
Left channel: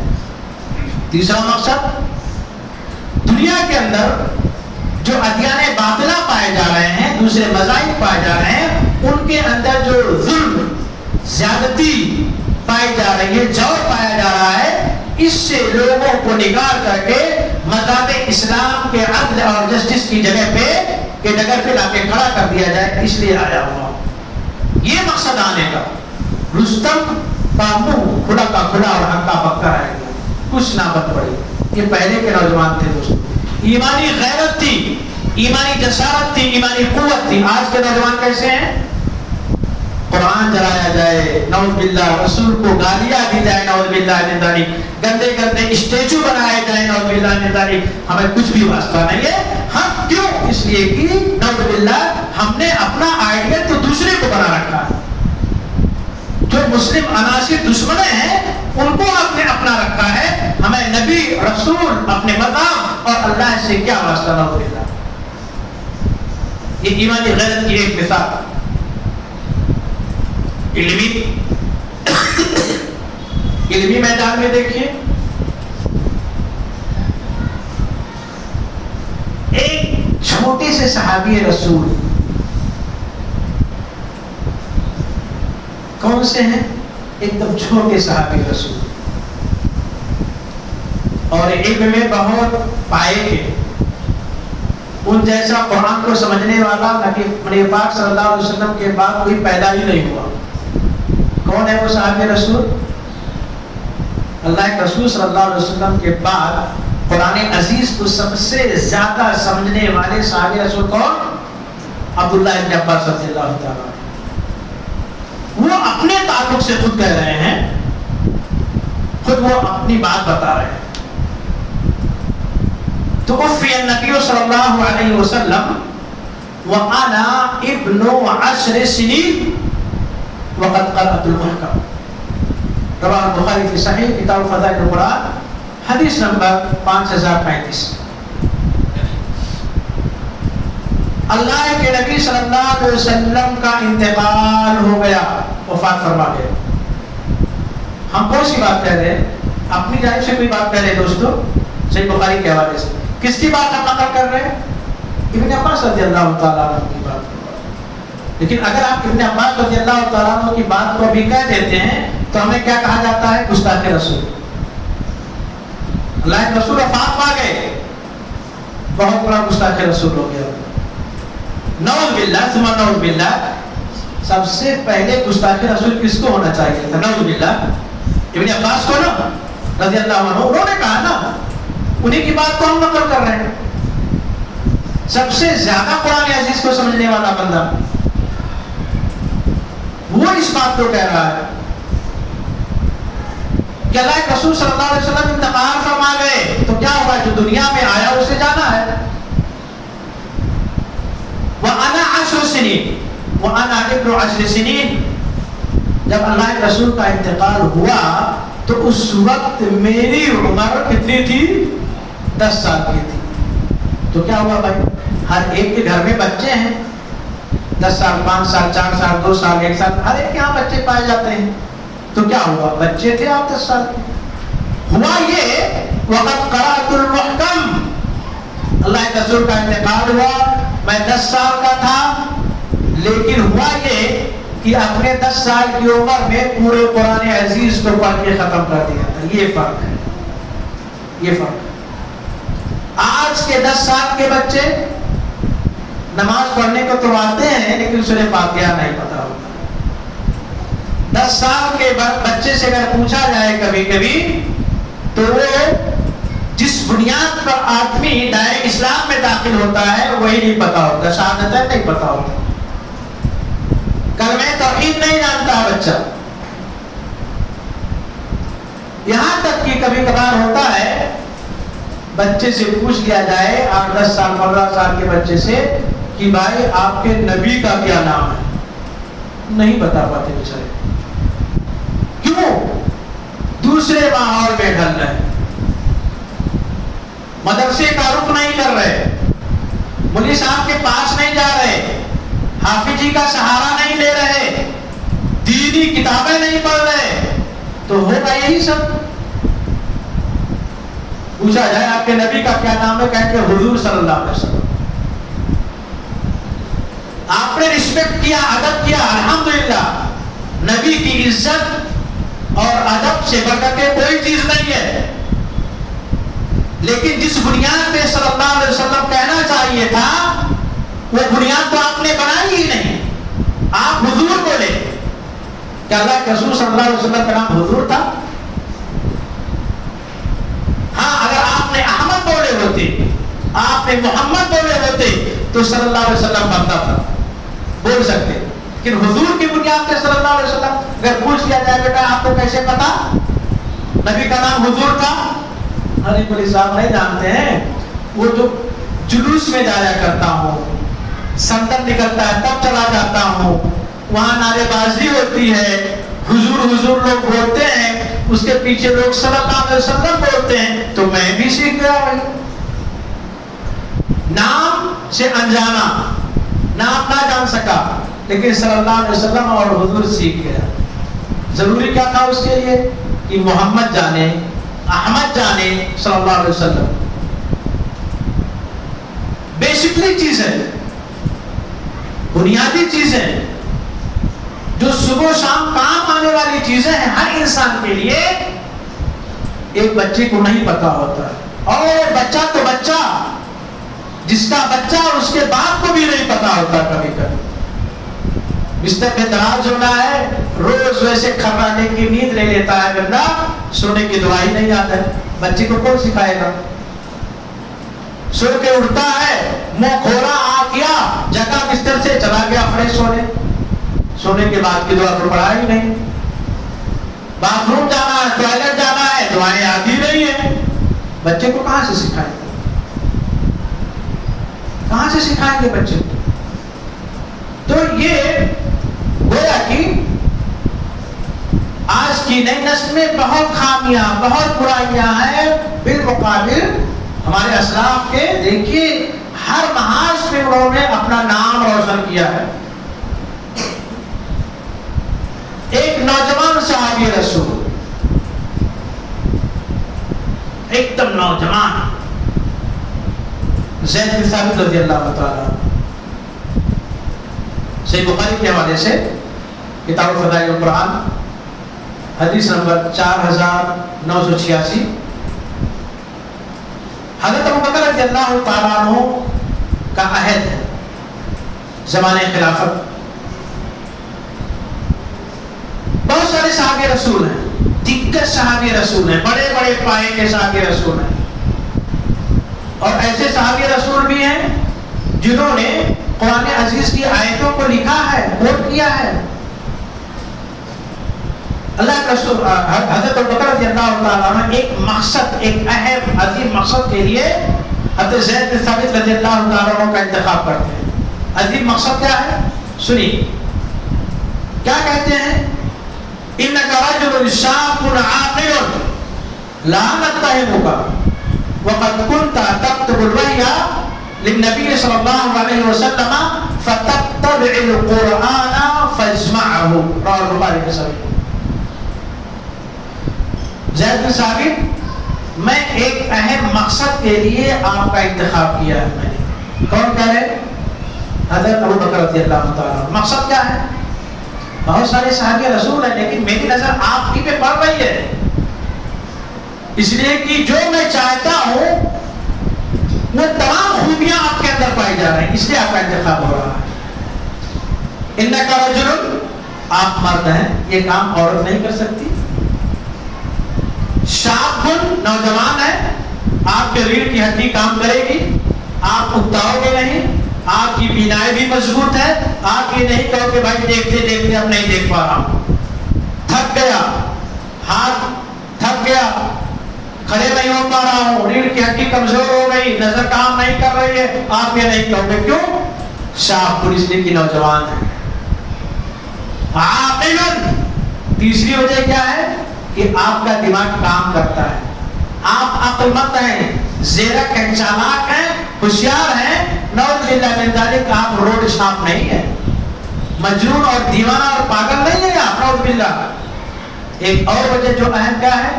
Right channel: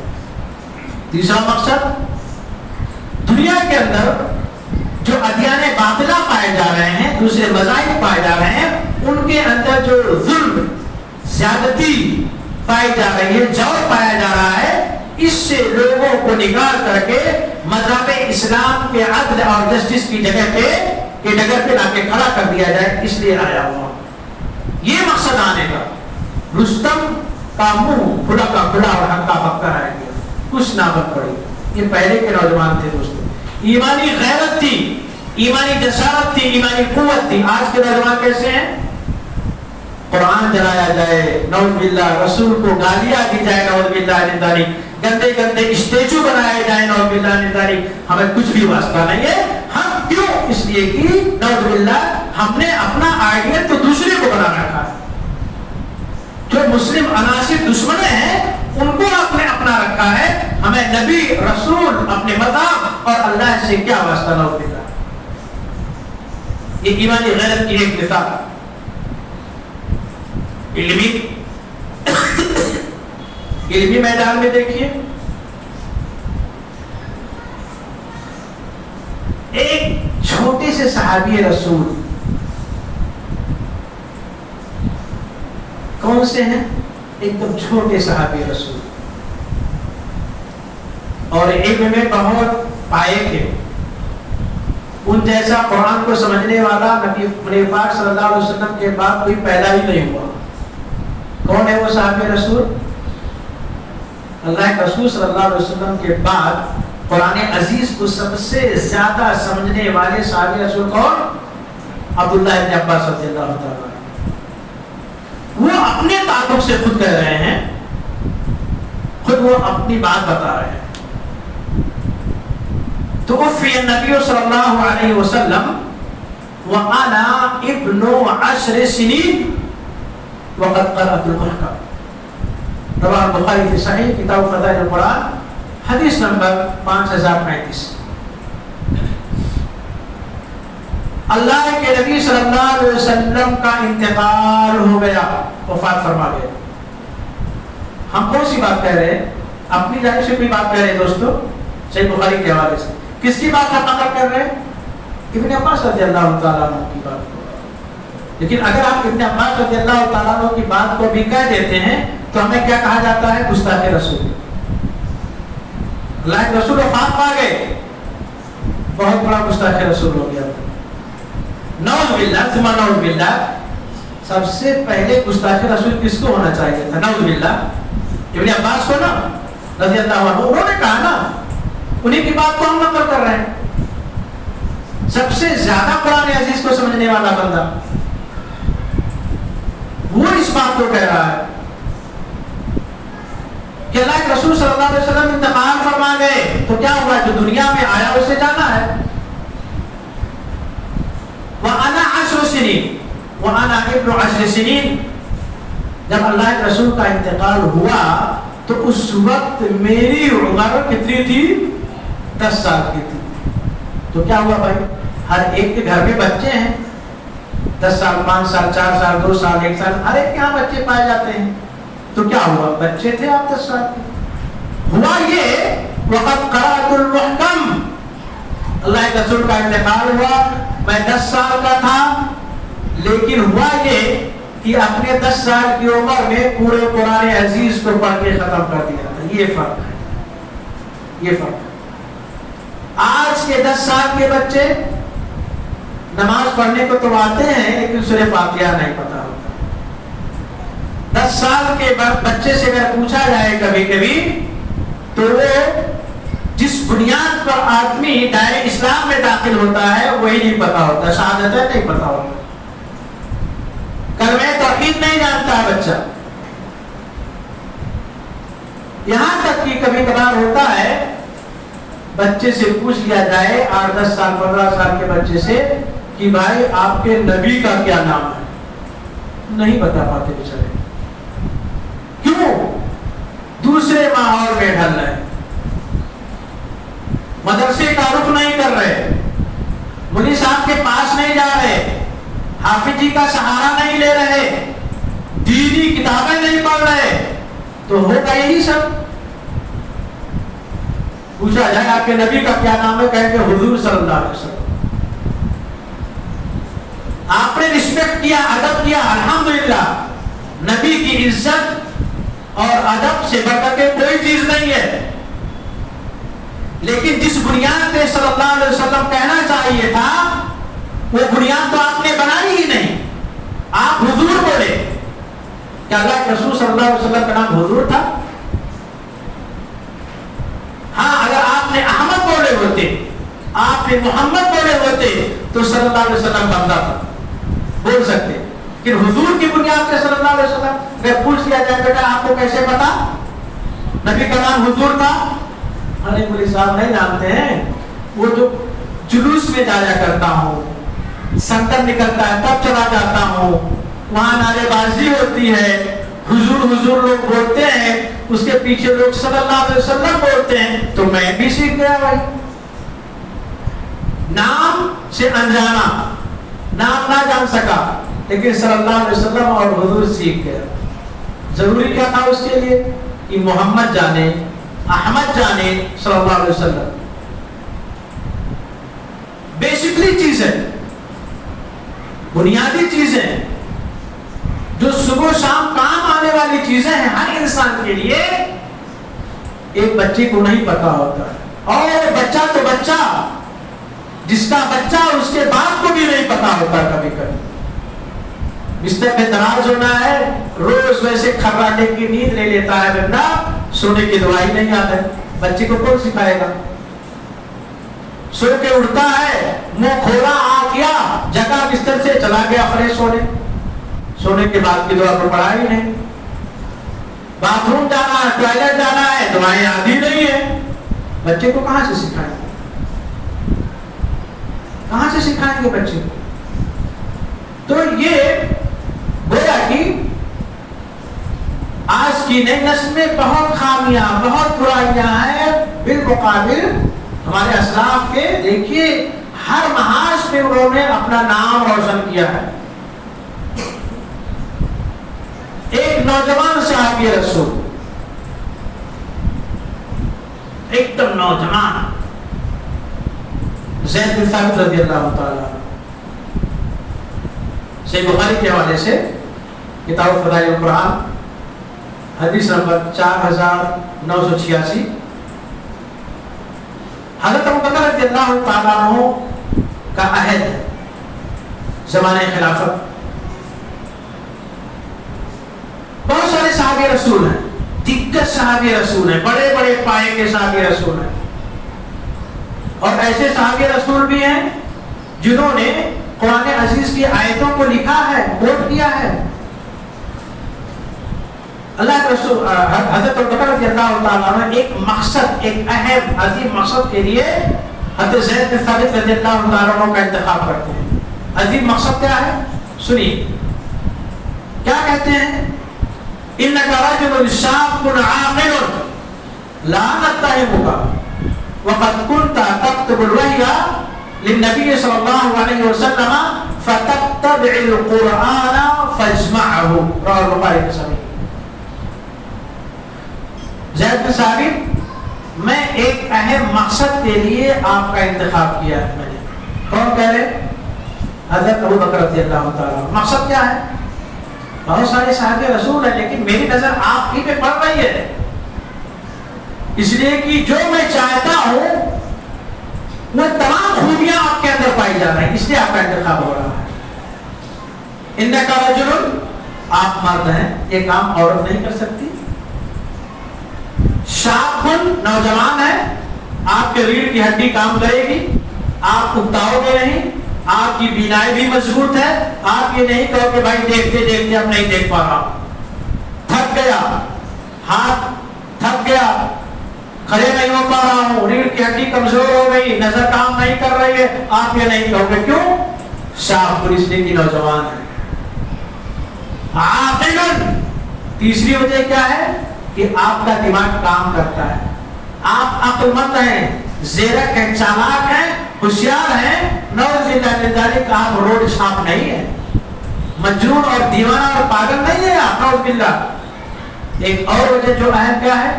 تیسرا مقصد دنیا کے اندر جو ادیان باطلہ پائے جا رہے ہیں، دوسرے مذاہب پائے جا رہے ہیں، ان کے اندر جو ظلم زیادتی پائی جا رہی ہے، جور پایا جا رہا ہے، اس سے لوگوں کو نکال کر کے مذہب اسلام کے عدل اور جسٹس کی جگہ پہ کہ ڈگر پہ لا کے کھڑا کر دیا جائے، اس لیے آیا ہوا. یہ مقصد آنے کا. رستم کا منہ کھلا کا کھلا اور ہکا پکا رہ گیا، کچھ نہ بن پڑی. یہ پہلے کے نوجوان تھے دوستوں، ایمانی غیرت تھی، ایمانی جسارت تھی، ایمانی قوت تھی. آج کے نوجوان کیسے ہیں؟ قرآن جلایا جائے نعوذ باللہ، رسول کو گالیاں دی جائے نعوذ باللہ من ذالک، گندے گندے اسٹیچو بنائے جائیں نعوذ باللہ من ذالک. ہمیں کچھ بھی واسطہ نہیں ہے. ہم کیوں؟ اس لیے کہ نعوذ باللہ ہم نے اپنا آئیڈیا تو دوسرے کو بنا رکھا ہے. جو مسلم عناصر دشمن ہیں ان کو آپ نے اپنا رکھا ہے. ہمیں نبی رسول اپنے مقام اور اللہ سے کیا واسطہ نعوذ باللہ. یہ ایمانی غیرت کی ایک مثال. علمی میدان میں دیکھیے، ایک چھوٹے سے صحابی رسول، کون سے ہیں؟ ایک دم چھوٹے صحابی رسول، اور علم میں بہت پائے کے، ان جیسا قرآن کو سمجھنے والا نبی پاک صلی اللہ علیہ وسلم کے بعد کوئی پیدا ہی نہیں ہوا. کون ہے وہ صحابی رسول؟ اللہ کے رسول صلی اللہ علیہ وسلم کے بعد قرآن عزیز کو سب سے زیادہ سمجھنے والے صحابی رسول کون؟ عبداللہ ابن عباس رضی اللہ تعالیٰ. وہ اپنے تعلق سے خود کہہ رہے ہیں، خود وہ اپنی بات بتا رہے ہیں. توفی النبی صلی اللہ علیہ وسلم وانا ابن 10 سنین وقد قرأت القرآن. رواه البخاری فی صحیح کتاب فضائل القرآن، حدیث نمبر 5035. اللہ کے نبی صلی اللہ علیہ وسلم کا انتقال ہو گیا، وفات فرما گیا. ہم کون سی بات کہہ رہے ہیں؟ اپنی جانب سے کوئی بات کہہ رہے ہیں دوستو، صحیح بخاری کے حوالے سے. کس کی بات ہم نقل کر رہے ہیں؟ ابن عباس رضی اللہ تعالیٰ عنہ کی بات. لیکن اگر آپ ابن عباس رضی اللہ تعالیٰ عنہ کی بات کو بھی کہہ دیتے ہیں تو ہمیں کیا کہا جاتا ہے؟ گستاخ رسول. اللہ کے رسول وفات پا گئے، بہت بڑا گستاخ رسول ہو گیا. نعوذ باللہ ثم نعوذ باللہ. سب سے پہلے گستاخ رسول کس کو ہونا چاہیے تھا؟ نعوذ باللہ ابن عباس کو نا، رضی اللہ عنہ. انہوں نے کہا نا، انہیں کی بات کو ہم نقل کر رہے ہیں. سب سے زیادہ قرآن عزیز کو سمجھنے والا بندہ وہ اس بات کو کہہ رہا ہے کہ اللہ کے رسول صلی اللہ علیہ وسلم انتقال فرما گئے تو کیا ہوا؟ جو دنیا میں آیا اسے جانا ہے. وَأَنَا 10 سنین وَأَنَا ابن 10 سنین. جب اللہ کے رسول کا انتقال ہوا تو اس وقت میری عمر کتنی تھی؟ 10 سال کی تھی. تو کیا ہوا بھائی؟ ہر ایک کے گھر میں بچے ہیں، 10 سال 5 سال 4 سال 2 سال 1 سال، ہر ایک کے یہاں بچے پائے جاتے ہیں. تو کیا ہوا؟ بچے تھے آپ 10 سال کے. ہوا یہ وقت قرأت المحکم، اللہ کے رسول کا انتقال ہوا، میں 10 سال کا تھا، لیکن ہوا یہ کہ اپنے 10 سال کی عمر میں پورے قرآن عزیز کو پڑھ کے ختم کر دیا تھا. یہ فرق ہے، یہ فرق. آج کے 10 سال کے بچے نماز پڑھنے کو تو آتے ہیں لیکن سورہ فاتحہ نہیں پتا ہوتا. 10 سال کے بچے سے اگر پوچھا جائے کبھی کبھی تو وہ جس بنیاد پر آدمی دائرہ اسلام میں داخل ہوتا ہے وہی نہیں پتا ہوتا، شہادتیں نہیں پتا ہوتا، کلمہ توحید نہیں جانتا بچہ. یہاں تک کہ کبھی کبھار ہوتا ہے بچے سے پوچھ لیا جائے 8-10 سال 15 سال کے بچے سے کہ بھائی آپ کے نبی کا کیا نام ہے، نہیں بتا پاتے بیچارے. کیوں؟ دوسرے ماحول میں ڈھل رہے، مدرسے کا رخ نہیں کر رہے، مولوی صاحب کے پاس نہیں جا رہے، حافظ جی کا سہارا نہیں لے رہے، دینی کتابیں نہیں پڑھ رہے. تو ہوگا یہی سب. پوچھا جائے آپ کے نبی کا کیا نام ہے، کہیں کہ حضور صلی اللہ علیہ وسلم. آپ نے رسپیکٹ کیا، ادب کیا، الحمدللہ. نبی کی عزت اور ادب سے بڑھ کے کوئی چیز نہیں ہے. لیکن جس بنیاد پہ صلی اللہ علیہ وسلم کہنا چاہیے تھا وہ بنیاد تو آپ نے بنائی ہی نہیں. آپ حضور بولے، کیا اللہ کے رسول صلی اللہ علیہ وسلم کا نام حضور تھا؟ ہاں، اگر آپ نے احمد بولے ہوتے، آپ نے محمد بولے ہوتے تو صلی اللہ علیہ وسلم بنتا تھا، بول سکتے. لیکن حضور کی بنیاد پہ صلی اللہ علیہ وسلم اگر پوچھ لیا جائے بیٹا آپ کو کیسے پتا نبی کا نام حضور تھا؟ ارے مولوی صاحب نہیں جانتے ہیں، وہ جو جلوس میں جایا کرتا ہوں، سنتر نکلتا ہے تب چلا جاتا ہوں، وہاں نعرے بازی ہوتی ہے، حضور حضور لوگ بولتے ہیں، اس کے پیچھے لوگ صلی اللہ علیہ وسلم بولتے ہیں، تو میں بھی سیکھ گیا. بھائی نام سے انجانا، نام نہ جان سکا لیکن صلی اللہ علیہ وسلم اور حضور سیکھ گیا. ضروری کیا تھا اس کے لیے کہ محمد جانے، احمد جانے، صلی اللہ علیہ وسلم. بیسکلی چیز ہے، بنیادی چیزیں جو صبح و شام کام آنے والی چیزیں ہیں ہر انسان کے لیے، ایک بچے کو نہیں پتا ہوتا. اور بچہ تو بچہ، جس کا بچہ اور اس کے باپ کو بھی نہیں پتا ہوتا. کبھی کبھی بستر میں دراز ہونا ہے، روز ویسے کھپراٹے کی نیند لے لیتا ہے بندہ، سونے کی دوائی نہیں آتا. بچے کو کون سکھائے گا؟ سو کے اٹھتا ہے، منہ کھولا آ گیا، جگہ بستر سے چلا گیا فریش ہونے، سونے کے بعد کی دعا کو پڑھا ہی نہیں. باتھ روم جانا ہے، ٹوائلٹ جانا ہے، دعائیں آدھی نہیں ہے. بچے کو کہاں سے سکھائیں گے؟ کہاں سے سکھائیں گے بچے کو؟ تو یہ گویا کہ آج کی نئی نسل میں بہت خامیاں، بہت برائیاں ہیں بالمقابل ہمارے اسلاف کے. دیکھیے ہر محاذ پہ انہوں نے اپنا نام روشن کیا ہے. ایک نوجوان صحابی رسول، ایک دم نوجوان، زید بن ثابت رضی اللہ تعالیٰ، صحیح بخاری کے حوالے سے کتاب فضائل القرآن حدیث نمبر 4986، حضرت ابوبکر رضی اللہ تعالیٰ عنہ کا عہد ہے، زمانہ خلافت. بہت سارے صحابی رسول ہیں، دگگج صحابی رسول ہیں، بڑے بڑے پائے کے صحابی رسول ہیں، اور ایسے صحابی رسول بھی ہیں جنہوں نے قرآن عزیز کی آیتوں کو لکھا ہے، کوٹ کیا ہے. اللہ کے رسول حضرت ابوبکر رضی اللہ تعالیٰ عنہ ایک مقصد، ایک اہم عظیم مقصد کے لیے حضرت زید بن ثابت رضی اللہ تعالیٰ عنہ کا انتخاب کرتے ہیں. عظیم مقصد کیا ہے؟ سنیے کیا کہتے ہیں. إنك رجل شاب عاقل لا نتهمك وقد كنت تكتب الوحي للنبي صلى الله عليه وسلم فتتبع القرآن فاجمعه رواه البخاری في صحیح. زید بن ثابت میں ایک اہم مقصد کے لیے آپ کا انتخاب کیا ہے. میں نے کون کہہ رہے؟ حضرت ابو بکر رضی اللہ تعالیٰ. مقصد کیا ہے؟ بہت سارے صحابہ رسول ہیں لیکن میری نظر آپ ہی پہ پڑ رہی ہے، اس لیے کہ جو میں چاہتا ہوں وہ تمام خوبیاں آپ کے اندر پائی جا رہی ہیں، اس لیے آپ کا انتخاب ہو رہا ہے. انکا رجل، آپ مرد ہیں، یہ کام عورت نہیں کر سکتی. شاب، نوجوان ہے، آپ کے ریڑھ کی ہڈی کام کرے گی، آپ اکتاؤ گے نہیں، آپ کی بینائی بھی مضبوط ہے، آپ یہ نہیں کہو کہ بھائی دیکھتے دیکھتے اب نہیں دیکھ پا رہا ہوں، تھک گیا، ہاتھ تھک گیا، کھڑے نہیں ہو پا رہا ہوں، ریڑھ کی ہڈی کمزور ہو گئی، نظر کام نہیں کر رہی ہے، آپ یہ نہیں کہو گے. کیوں؟ شاب پولیس لیے کی نوجوان ہے. عاقلاً، تیسری وجہ کیا ہے کہ آپ کا دماغ کام کرتا ہے، آپ عقل مند ہیں، زیرک ہیں، چالاک ہیں، ہوشیار ہیں. نعوذ باللہ من ذالک، آپ روڈ چھاپ نہیں ہے، مجنون اور دیوانہ اور پاگل نہیں ہے آپ. نعوذ باللہ. ایک اور وجہ جو اہم کیا ہے؟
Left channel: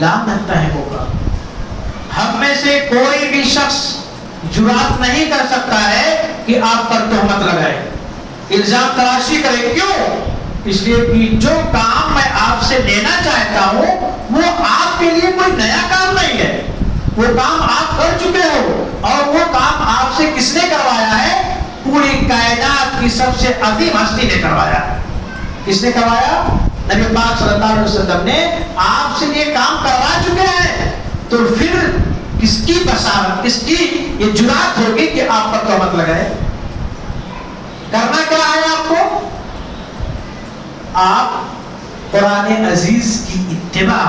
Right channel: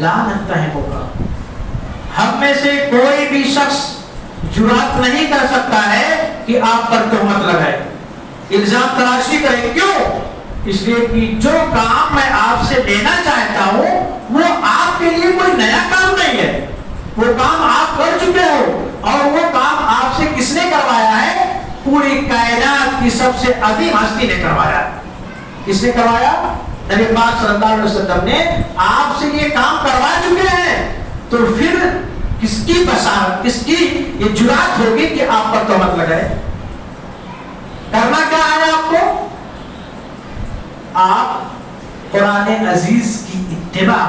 لا نتہمہ ہوگا. ہم میں سے کوئی بھی شخص جرات نہیں کر سکتا ہے کہ آپ پر تہمت لگائے، الزام تراشی کرے. کیوں؟ اس لیے کہ جو کام میں آپ سے لینا چاہتا ہوں وہ آپ کے لیے کوئی نیا کام نہیں ہے، وہ کام آپ کر چکے ہو. اور وہ کام آپ سے کس نے کروایا ہے؟ پوری کائنات کی سب سے عظیم ہستی نے کروایا. کس نے کروایا؟ نبی پاک صلی اللہ علیہ وسلم نے آپ سے یہ کام کروا چکے ہیں. تو پھر کس کی بصارت، کس کی یہ جرات ہوگی کہ آپ پر تہمت لگائے؟ کرنا کیا ہے آپ کو؟ آپ قرآن عزیز کی اتباع،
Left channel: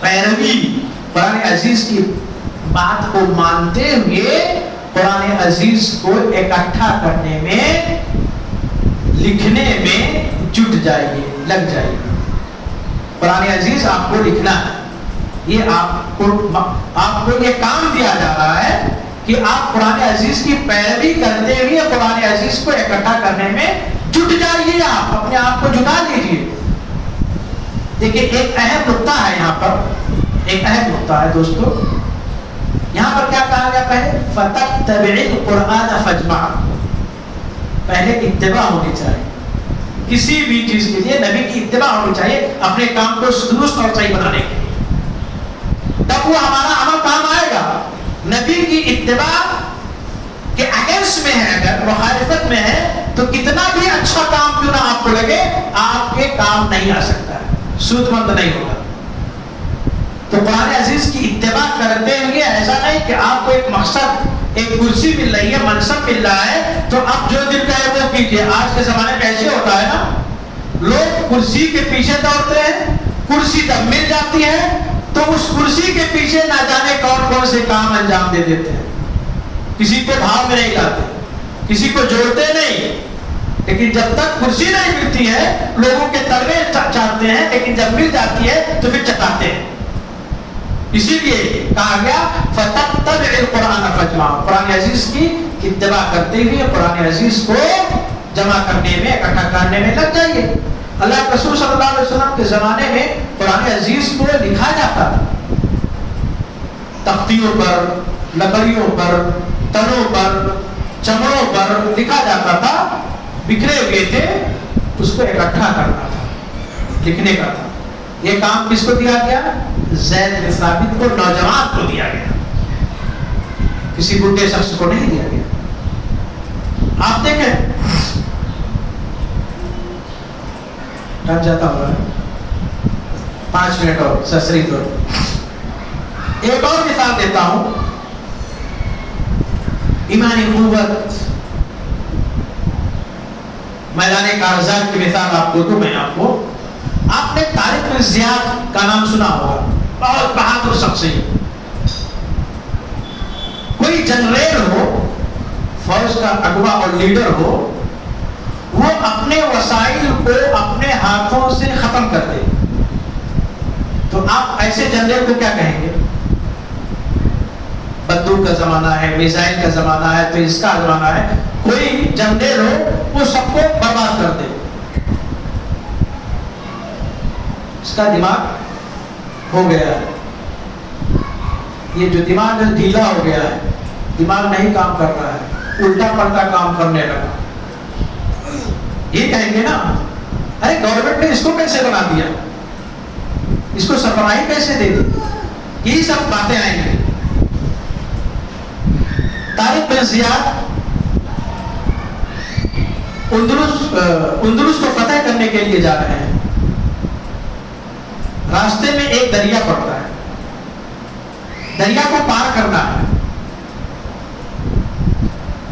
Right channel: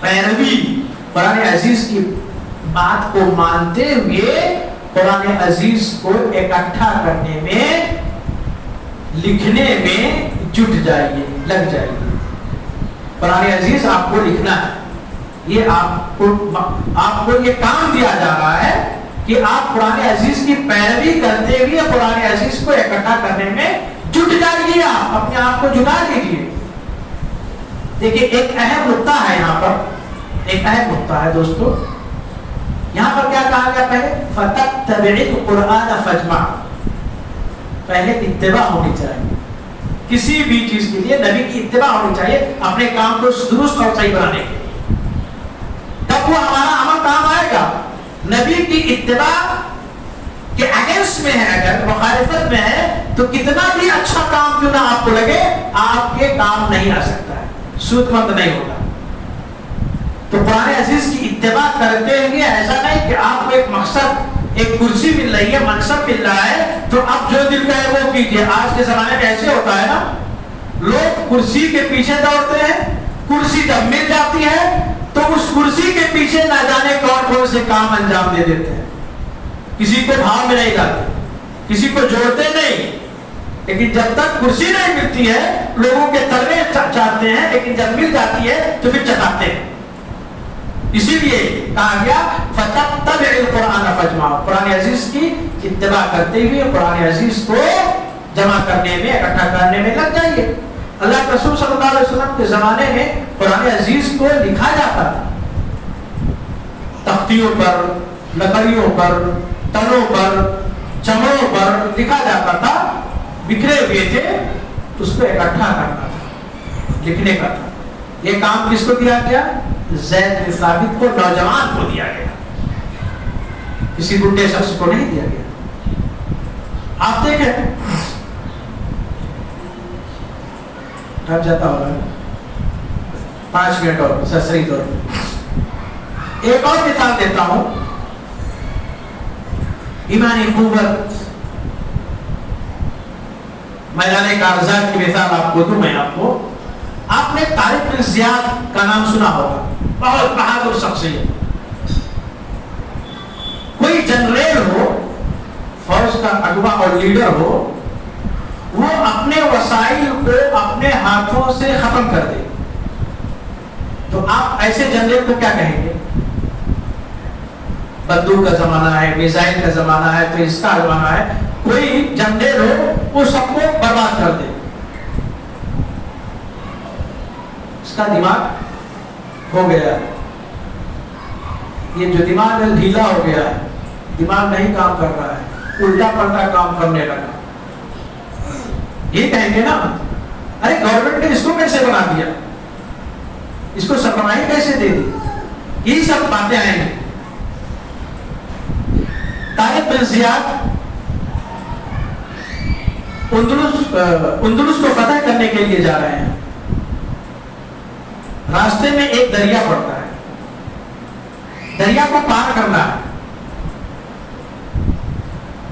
پیروی، قرآن عزیز کی بات کو مانتے ہوئے قرآن عزیز کو اکٹھا کرنے میں، لکھنے میں جٹ جائیے، لگ جائیے. قرآن عزیز آپ کو لکھنا ہے، یہ آپ کو یہ کام دیا جا رہا ہے کہ آپ قرآن عزیز کی پیروی کرتے ہوئے قرآن عزیز کو اکٹھا کرنے میں جٹ جائیے. آپ اپنے آپ کو جٹا لیجیے. دیکھیے ایک اہم نقطہ ہے یہاں پر، ایک اہم نقطہ ہے دوستو. یہاں پر کیا کہا گیا؟ پہلے فَتَتَّبِعِ الْقُرْآنَ فَاجْمَعْ. پہلے اتباع ہونی چاہیے کسی بھی چیز کے لیے، نبی کی اتباع ہونی چاہیے اپنے کام کو درست اور صحیح بنانے کے لیے، تب وہ ہمارا عمل کام آئے گا. نبی کی اتباع کے اگینسٹ میں ہے، اگر مخالفت میں ہے تو کتنا بھی اچھا کام کیوں نہ آپ کو لگے، آپ کے کام نہیں آ سکتا ہے، سود مند نہیں ہوگا. تو قرآن عزیز کی اتباع کرتے ہوئے ایسا نہیں کہ آپ کو ایک مقصد، ایک کرسی مل رہی ہے، منصب مل رہا ہے تو اب جو دل کا ہے وہ کیجیے. آج کے زمانے میں ایسے ہوتا ہے نا، لوگ کرسی کے پیچھے دوڑتے ہیں، کرسی جب مل جاتی ہے تو اس کرسی کے پیچھے نہ جانے کون کون سے کام انجام دے دیتے ہیں. کسی کو بھاؤ میں نہیں لاتے، کسی کو جوڑتے نہیں، لیکن جب تک کرسی نہیں ملتی ہے لوگوں کے تلوے چاہتے ہیں، لیکن جب مل جاتی ہے تو پھر چٹاتے ہیں. اسی لیے کہا گیا فَتَتَّبِعِ الْقُرْآنَ فَاجْمَعْ. قرآن عزیز کی اتباع کرتے ہوئے قرآن عزیز کو جمع کرنے میں، اکٹھا کرنے میں لگ جائیے. اللہ کے رسول صلی اللہ علیہ وسلم کے زمانے میں قرآن عزیز کو لکھا جاتا تھا، تختیوں پر، لکڑیوں پر، تنوں پر، چمڑوں پر لکھا جاتا تھا. بکھرے ہوئے تھے، اس کو اکٹھا کرنا تھا، لکھنے کا تھا. یہ کام کس کو دیا گیا؟ زید بن ثابت کو، نوجوان کو دیا گیا، کسی بڈھے شخص کو نہیں دیا گیا. آپ دیکھیں اب جاتا ہوا 5 منٹ اور سسری دور. ایک اور مثال دیتا ہوں، ایمانی قوت، میدان کارزات کی مثال آپ کو دوں. میں آپ نے طارق بن زیاد کا نام سنا ہوگا، بہت بہادر شخصیت. کوئی جنرل ہو، فوج کا اگوا اور لیڈر ہو، وہ اپنے وسائل کو اپنے ہاتھوں سے ختم کر دے تو آپ ایسے جنرل کو کیا کہیں گے؟ بندوق کا زمانہ ہے، میزائل کا زمانہ ہے، تو اس کا زمانہ ہے، کوئی جنرل ہو وہ سب کو برباد کر دے. اس کا دماغ ہو گیا ہے، یہ جو دماغ ڈھیلا ہو گیا ہے، دماغ نہیں کام کر رہا ہے، الٹا پلٹا کام کرنے لگا. یہ کہیں گے نا ارے گورنمنٹ نے اس کو کیسے بنا دیا، اس کو سرمایہ کیسے دے دی، یہی سب باتیں آئیں گی. طارق بن زیاد اندلس کو فتح کرنے کے لیے جا رہے ہیں. راستے میں ایک دریا پڑتا ہے، دریا کو پار کرنا ہے.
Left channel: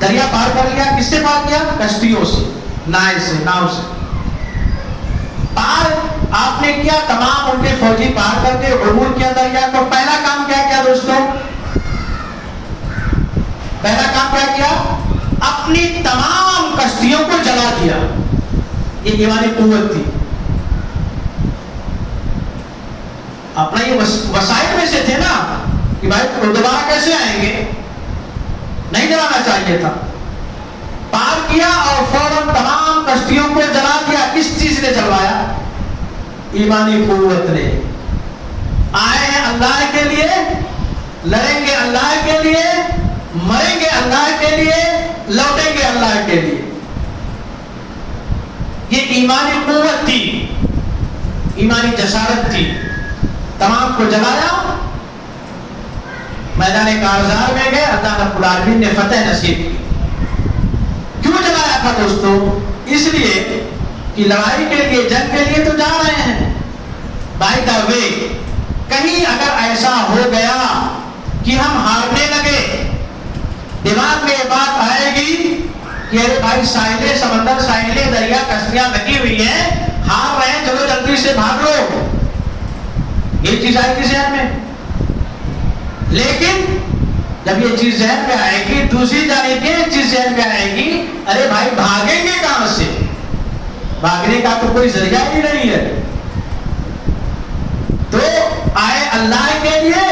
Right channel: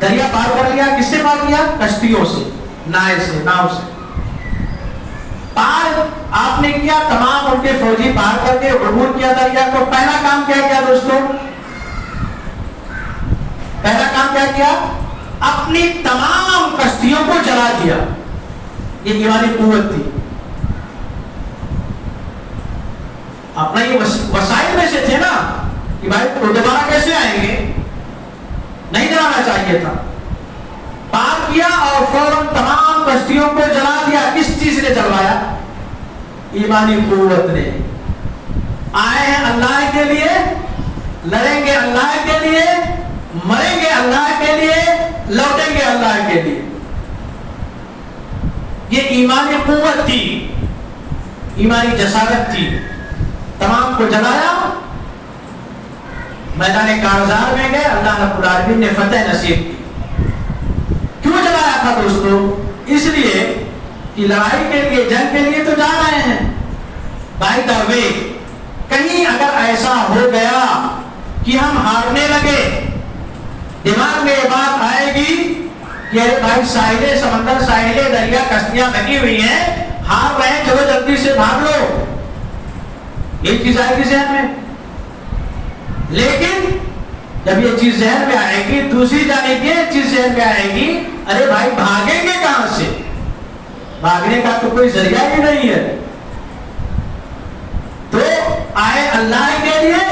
دریا پار کر لیا، کس سے پار کیا؟ کشتیوں سے، نائے سے، ناؤ سے پار آپ نے کیا. تمام ان کے فوجی پار کر کے عبور کیا دریا کو. پہلا کام کیا کیا دوستوں؟ پہلا کام کیا کیا؟ اپنی تمام کشتیوں کو جلا دیا. یہ ایمانی قوت تھی. اپنا یہ وسائل میں سے تھے نا کہ بھائی وہ دوبارہ کیسے آئیں گے، نہیں جلانا چاہیے تھا. پار کیا اور فوراً تمام کشتیوں کو جلا دیا. کس چیز نے جلوایا؟ ایمانی قوت نے. آئے ہیں اللہ کے لیے، لڑیں گے اللہ کے لیے، مریں گے اللہ کے لیے، لوٹیں گے اللہ کے لیے. یہ ایمانی قوت تھی، ایمانی جسارت تھی. تمام کو جلایا، میدان کارزار میں گئے، اللہ رب العالمین نے فتح نصیب کی. کیوں جلایا تھا دوستو؟ اس لیے کہ لڑائی کے لیے، جنگ کے لیے تو جا رہے ہیں. بائی دا وے کہیں اگر ایسا ہو گیا کہ ہم ہارنے لگے، دماغ میں یہ بات آئے گی کہ ارے بھائی ساحلے سمندر، ساحلے دریا، کشتیاں لگی ہوئی ہیں، ہار رہے ہیں، چلو جلدی سے بھاگ لو، یہ چیز آئے گی ذہن میں. لیکن جب یہ چیز ذہن میں آئے گی، دوسری جانب یہ چیز ذہن میں آئے گی ارے بھائی بھاگیں گے کہاں سے، بھاگنے کا تو کوئی ذریعہ ہی نہیں ہے. تو آئے اللہ کے لیے،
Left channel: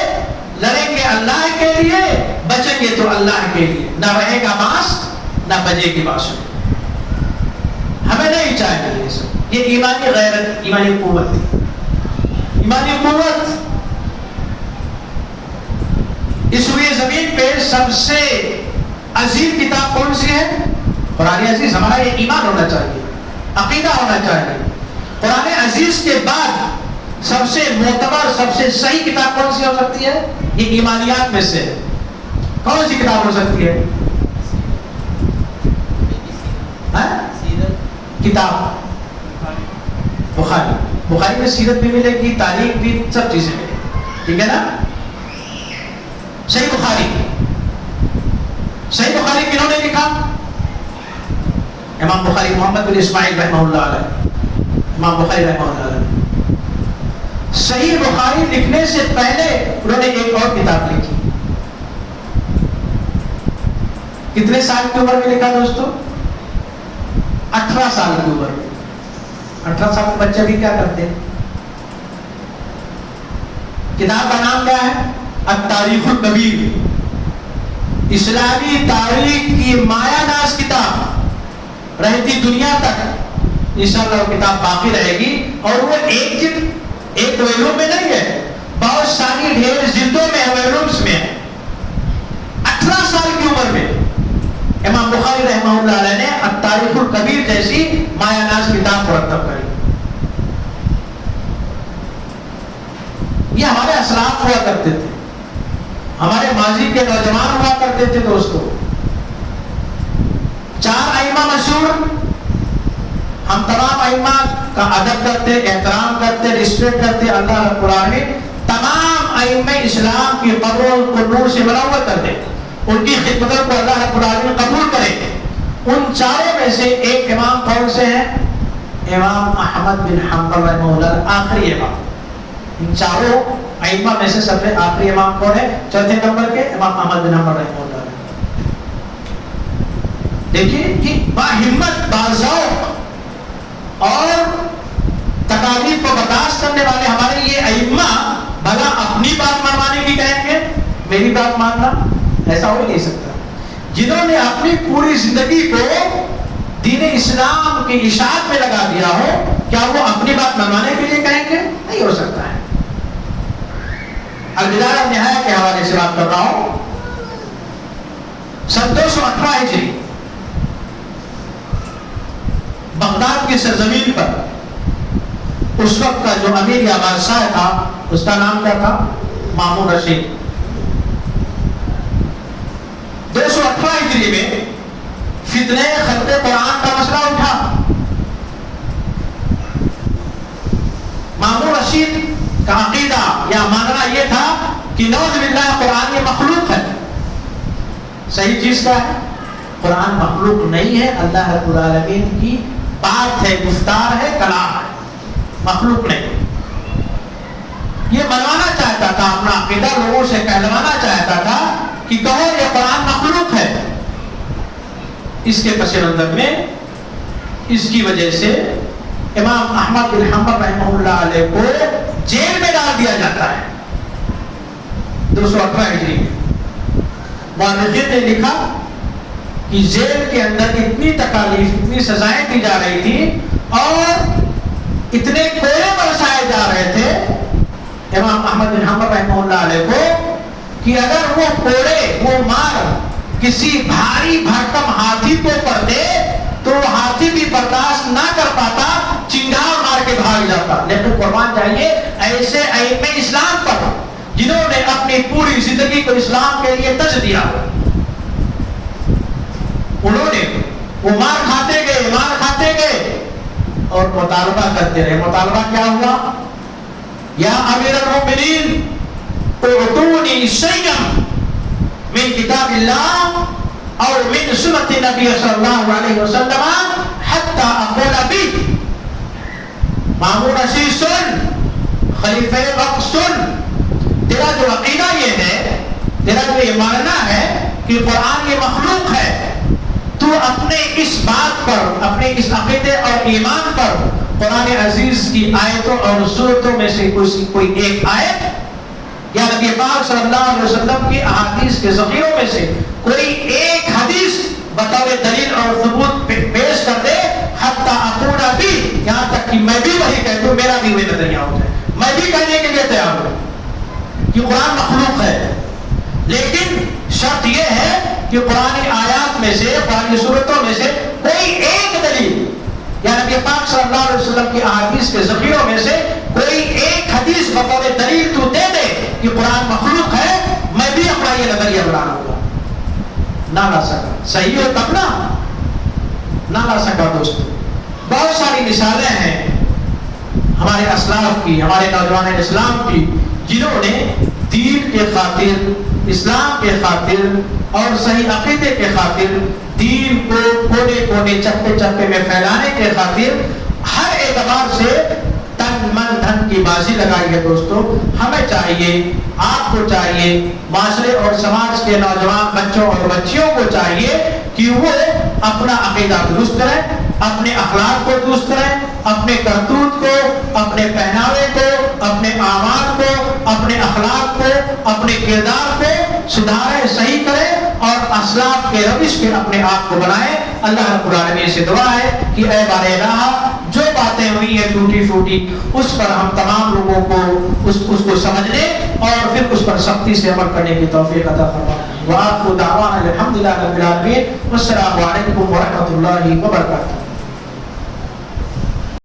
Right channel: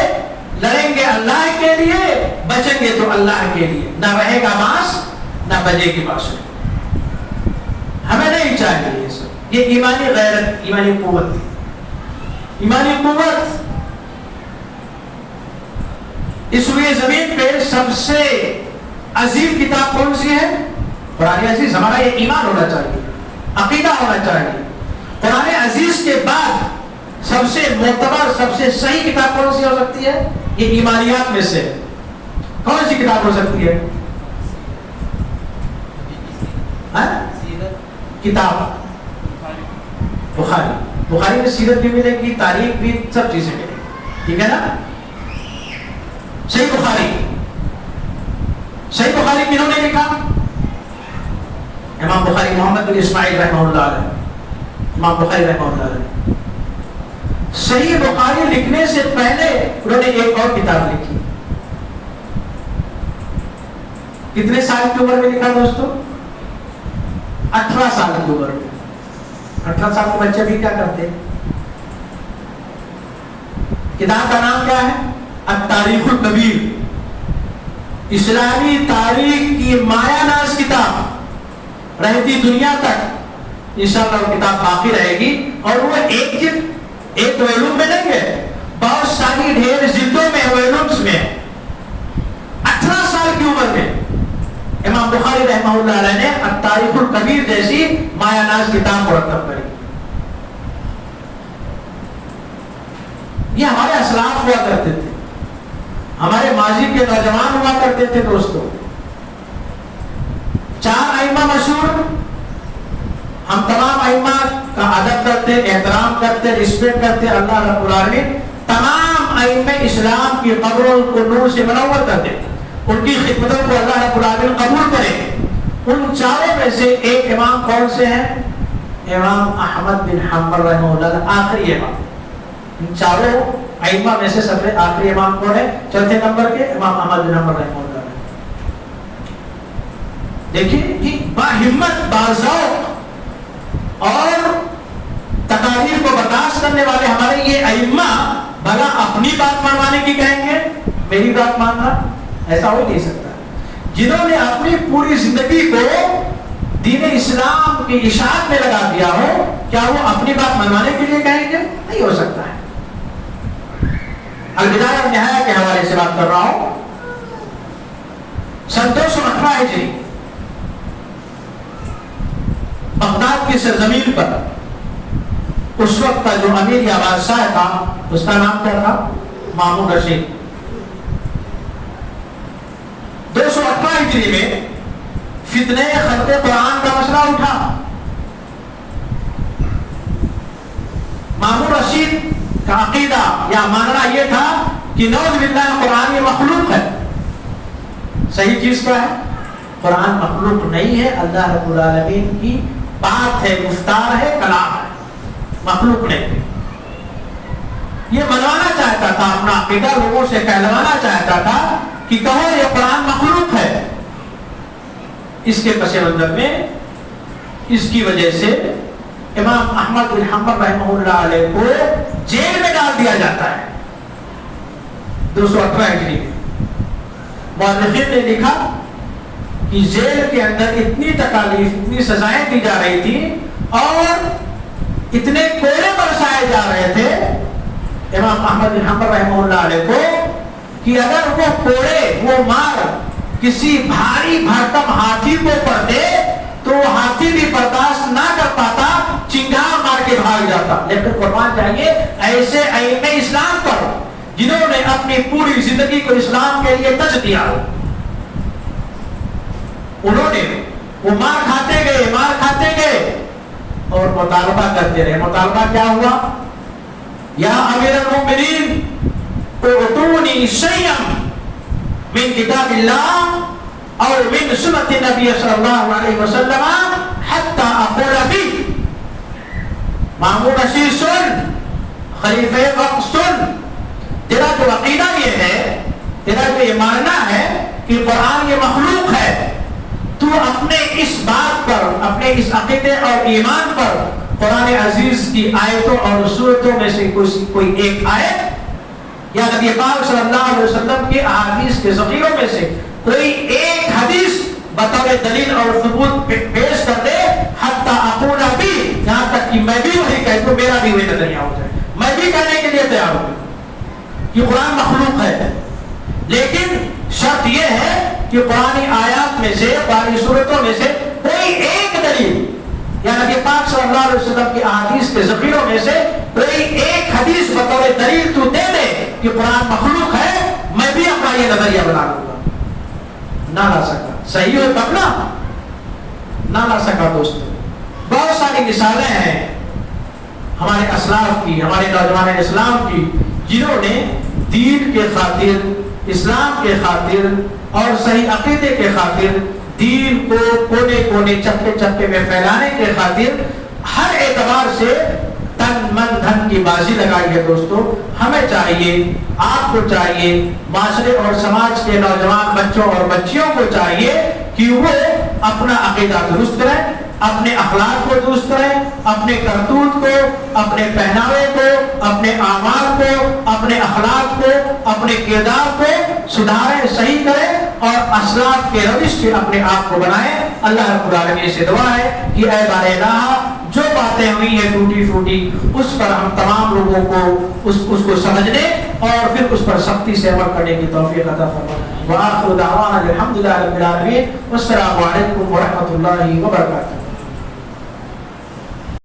لڑیں گے اللہ کے لیے، بچیں گے تو اللہ کے لیے. نہ رہے گا بانس، نہ بجے گی بانسری. ہمیں نہیں چاہیے یہ سب. یہ ایمانی غیرت، ایمانی قوت تھی. ایمانی قوت. اس روئے زمین پہ سب سے عظیم کتاب کون سی ہے؟ قرآن عزیز. ہمارا یہ ایمان ہونا چاہیے، عقیدہ ہونا چاہیے. قرآن عزیز کے بعد سب سے معتبر، سب سے صحیح کتاب کون سی ہو سکتی ہے؟ یہ ایمانیات میں سے کون سی کتاب ہو سکتی ہے؟ کتاب بخاری. بخاری میں سیرت بھی ملے گی، تاریخ بھی، سب چیزیں ملے گی. ٹھیک ہے نا؟ صحیح بخاری. صحیح بخاری کنہوں نے لکھا؟ امام بخاری محمد بن اسماعیل رحمہ اللہ علیہ. امام بخاری رحمہ اللہ علیہ. صحیح بخاری لکھنے سے پہلے انہوں نے ایک اور کتاب لکھی. کتنے سال کی عمر میں لکھا دوستو؟ 18 سال کی عمر میں. 18 سال کے بچے بھی کیا کرتے ہیں؟ کتاب کا نام کیا ہے؟ التاریخ الکبیر. اسلامی تاریخ کی مایا ناز کتاب رہتی دنیا تک انشاءاللہ وہ کتاب باقی رہے گی. اور وہ ایک جلد، ایک ویلوم میں نہیں ہے، بہت ساری ڈھیر جلدوں میں، ویلومز میں. 18 سال کی عمر میں امام بخاری رحمہ اللہ علیہ نے التاریخ الکبیر جیسی مایا ناز کتاب مرتب کری. یہ ہمارے اسلاف ہوا کرتے تھے، ہمارے ماضی کے نوجوان ہوا کرتے تھے دوستو. 4 ائمہ مشہور. ہم تمام ائمہ کا ادب کرتے، احترام کرتے، رسپیکٹ کرتے. اللہ رب العالمین تمام ائمہ اسلام کی قبروں کو نور سے منور کر دے، ان کی خدمتوں کو اللہ رب العالمین قبول کرے. ان 4 میں سے ایک امام کون سے ہیں؟ امام احمد بن حنبل رحمہ اللہ، آخری امام. ان 4 ائمہ میں سے سب سے آخری امام کون ہے؟ چوتھے نمبر کے امام احمد بن حنبل رحمہ اللہ. دیکھیے کہ با ہمت، باذوق اور تکالیف کو برداشت کرنے والے ہمارے یہ ائمہ بھلا اپنی بات منوانے کی کہیں گے؟ میری بات ماننا ایسا ہو نہیں سکتا. جنہوں نے اپنی پوری زندگی کو دین اسلام کی اشاعت میں لگا دیا ہو، کیا وہ اپنی بات منوانے کے لیے کہیں گے؟ نہیں ہو سکتا ہے. البدایہ نہایہ کے حوالے سے بات کر رہا ہوں. سن 218 ہجری بغداد کی سرزمین پر اس وقت کا جو امیر یا بادشاہ تھا اس کا نام کیا تھا؟ مامون رشید. 218 ہجری میں فتنہ خلق قرآن کا مسئلہ اٹھا. مامون رشید کا عقیدہ یا ماننا یہ تھا کہ نعوذ باللہ قرآن یہ مخلوق ہے. صحیح چیز کیا ہے؟ قرآن مخلوق نہیں ہے، اللہ رب العالمین کی بات ہے، گفتار ہے، کلام ہے، مخلوق نہیں. یہ منوانا چاہتا تھا، اپنا عقیدہ لوگوں سے کہلوانا چاہتا تھا کہ کہو یہ قرآن مخلوق ہے. اس کے پس منظر میں اس کی وجہ سے امام احمد بن حنبل رحمہ اللہ علیہ کو جیل میں ڈال دیا جاتا ہے. 218 ہجری میں مورخین نے لکھا کہ جیل کے اندر اتنی تکالیف، اتنی سزائیں دی جا رہی تھی اور اتنے کوڑے برسائے جا رہے تھے امام احمد بن حنبل رحمہ اللہ علیہ کو کہ اگر وہ کوڑے، وہ مار کسی بھاری بھرکم ہاتھی کو پڑتے تو ہاتھی بھی برداشت نہ کر پاتا، چنگار مار کے بھاگ جاتا. لیکن قربان چاہیے ایسے ائمہ اسلام پر جنہوں نے اپنی پوری زندگی کو اسلام کے لیے تج دیا. انہوں نے وہ مار کھاتے گئے اور مطالبہ کرتے رہے. مطالبہ کیا ہوا؟ یا امیر المؤمنین اعطونی شیئا من کتاب اللہ اور من سنت نبی صلی اللہ علیہ وسلم حتی اقول بی. مامون رشید سن، خلیفہ وقت سن، تیرا جو عقیدہ یہ ہے، تیرا جو یہ ماننا ہے کہ قرآن یہ مخلوق ہے، تو اپنے اس بات پر، اپنے اس عقیدے اور ایمان پر قرآن عزیز کی آیتوں اور سورتوں میں سے کوئی ایک آیت یا نبی پاک صلی اللہ علیہ وسلم کی احادیث کے ذخیروں میں سے کوئی ایک حدیث بطور دلیل اور ثبوت پیش کر دے. حتی اقول بی، یہاں تک کہ میں بھی وہی کہہ دوں، میرا بھی وہی نظریہ ہو جائے، میں بھی کہنے کے لیے تیار ہوں کہ قرآن مخلوق ہے. لیکن شرط یہ ہے کہ قرآن آیات میں سے، قرآن صورتوں میں سے کوئی ایک دلیل یا نبی پاک صلی اللہ علیہ وسلم کی احادیث کے ذخیروں میں سے کوئی ایک حدیث بطور دلیل تو دے دے کہ قرآن مخلوق ہے، میں بھی اپنا یہ نظریہ بنا لوں گا. نہ لا سکا. صحیح ہو تب نہ لا سکا. دوستو بہت ساری مثالیں ہیں ہمارے اسلاف کی، ہمارے نوجوان اسلام کی، جنہوں نے دین کے خاطر، اسلام کے خاطر اور صحیح عقیدے کے خاطر، دین کو کونے کونے چپے چپے میں پھیلانے کے خاطر ہر اعتبار سے تن من دھن کی بازی لگائی ہے. دوستو ہمیں چاہیے، آپ کو چاہیے، معاشرے اور سماج کے نوجوان بچوں اور بچیوں کو چاہیے کہ وہ اپنا عقیدہ درست کریں، اپنے اخلاق کو درست کریں، اپنے کرتوت کو، اپنے پہناوے کو، اپنے اعمال کو، اپنے اخلاق کو، اپنے کردار کو سدھاریں، صحیح کریں اور اسلاف کے روش کے اپنے آپ کو بنائیں. اللہ رب العالمین سے دعا ہے کہ اے بار الہ، جو باتیں ہوئی ہیں ٹوٹی پھوٹی، اس پر ہم تمام لوگوں کو اس کو سمجھنے اور پھر اس پر سختی سے عمل کرنے کی توفیق عطا فرما. وآخر دعوانا الحمدللہ رب العالمین. والسلام علیکم ورحمۃ اللہ وبرکاتہ.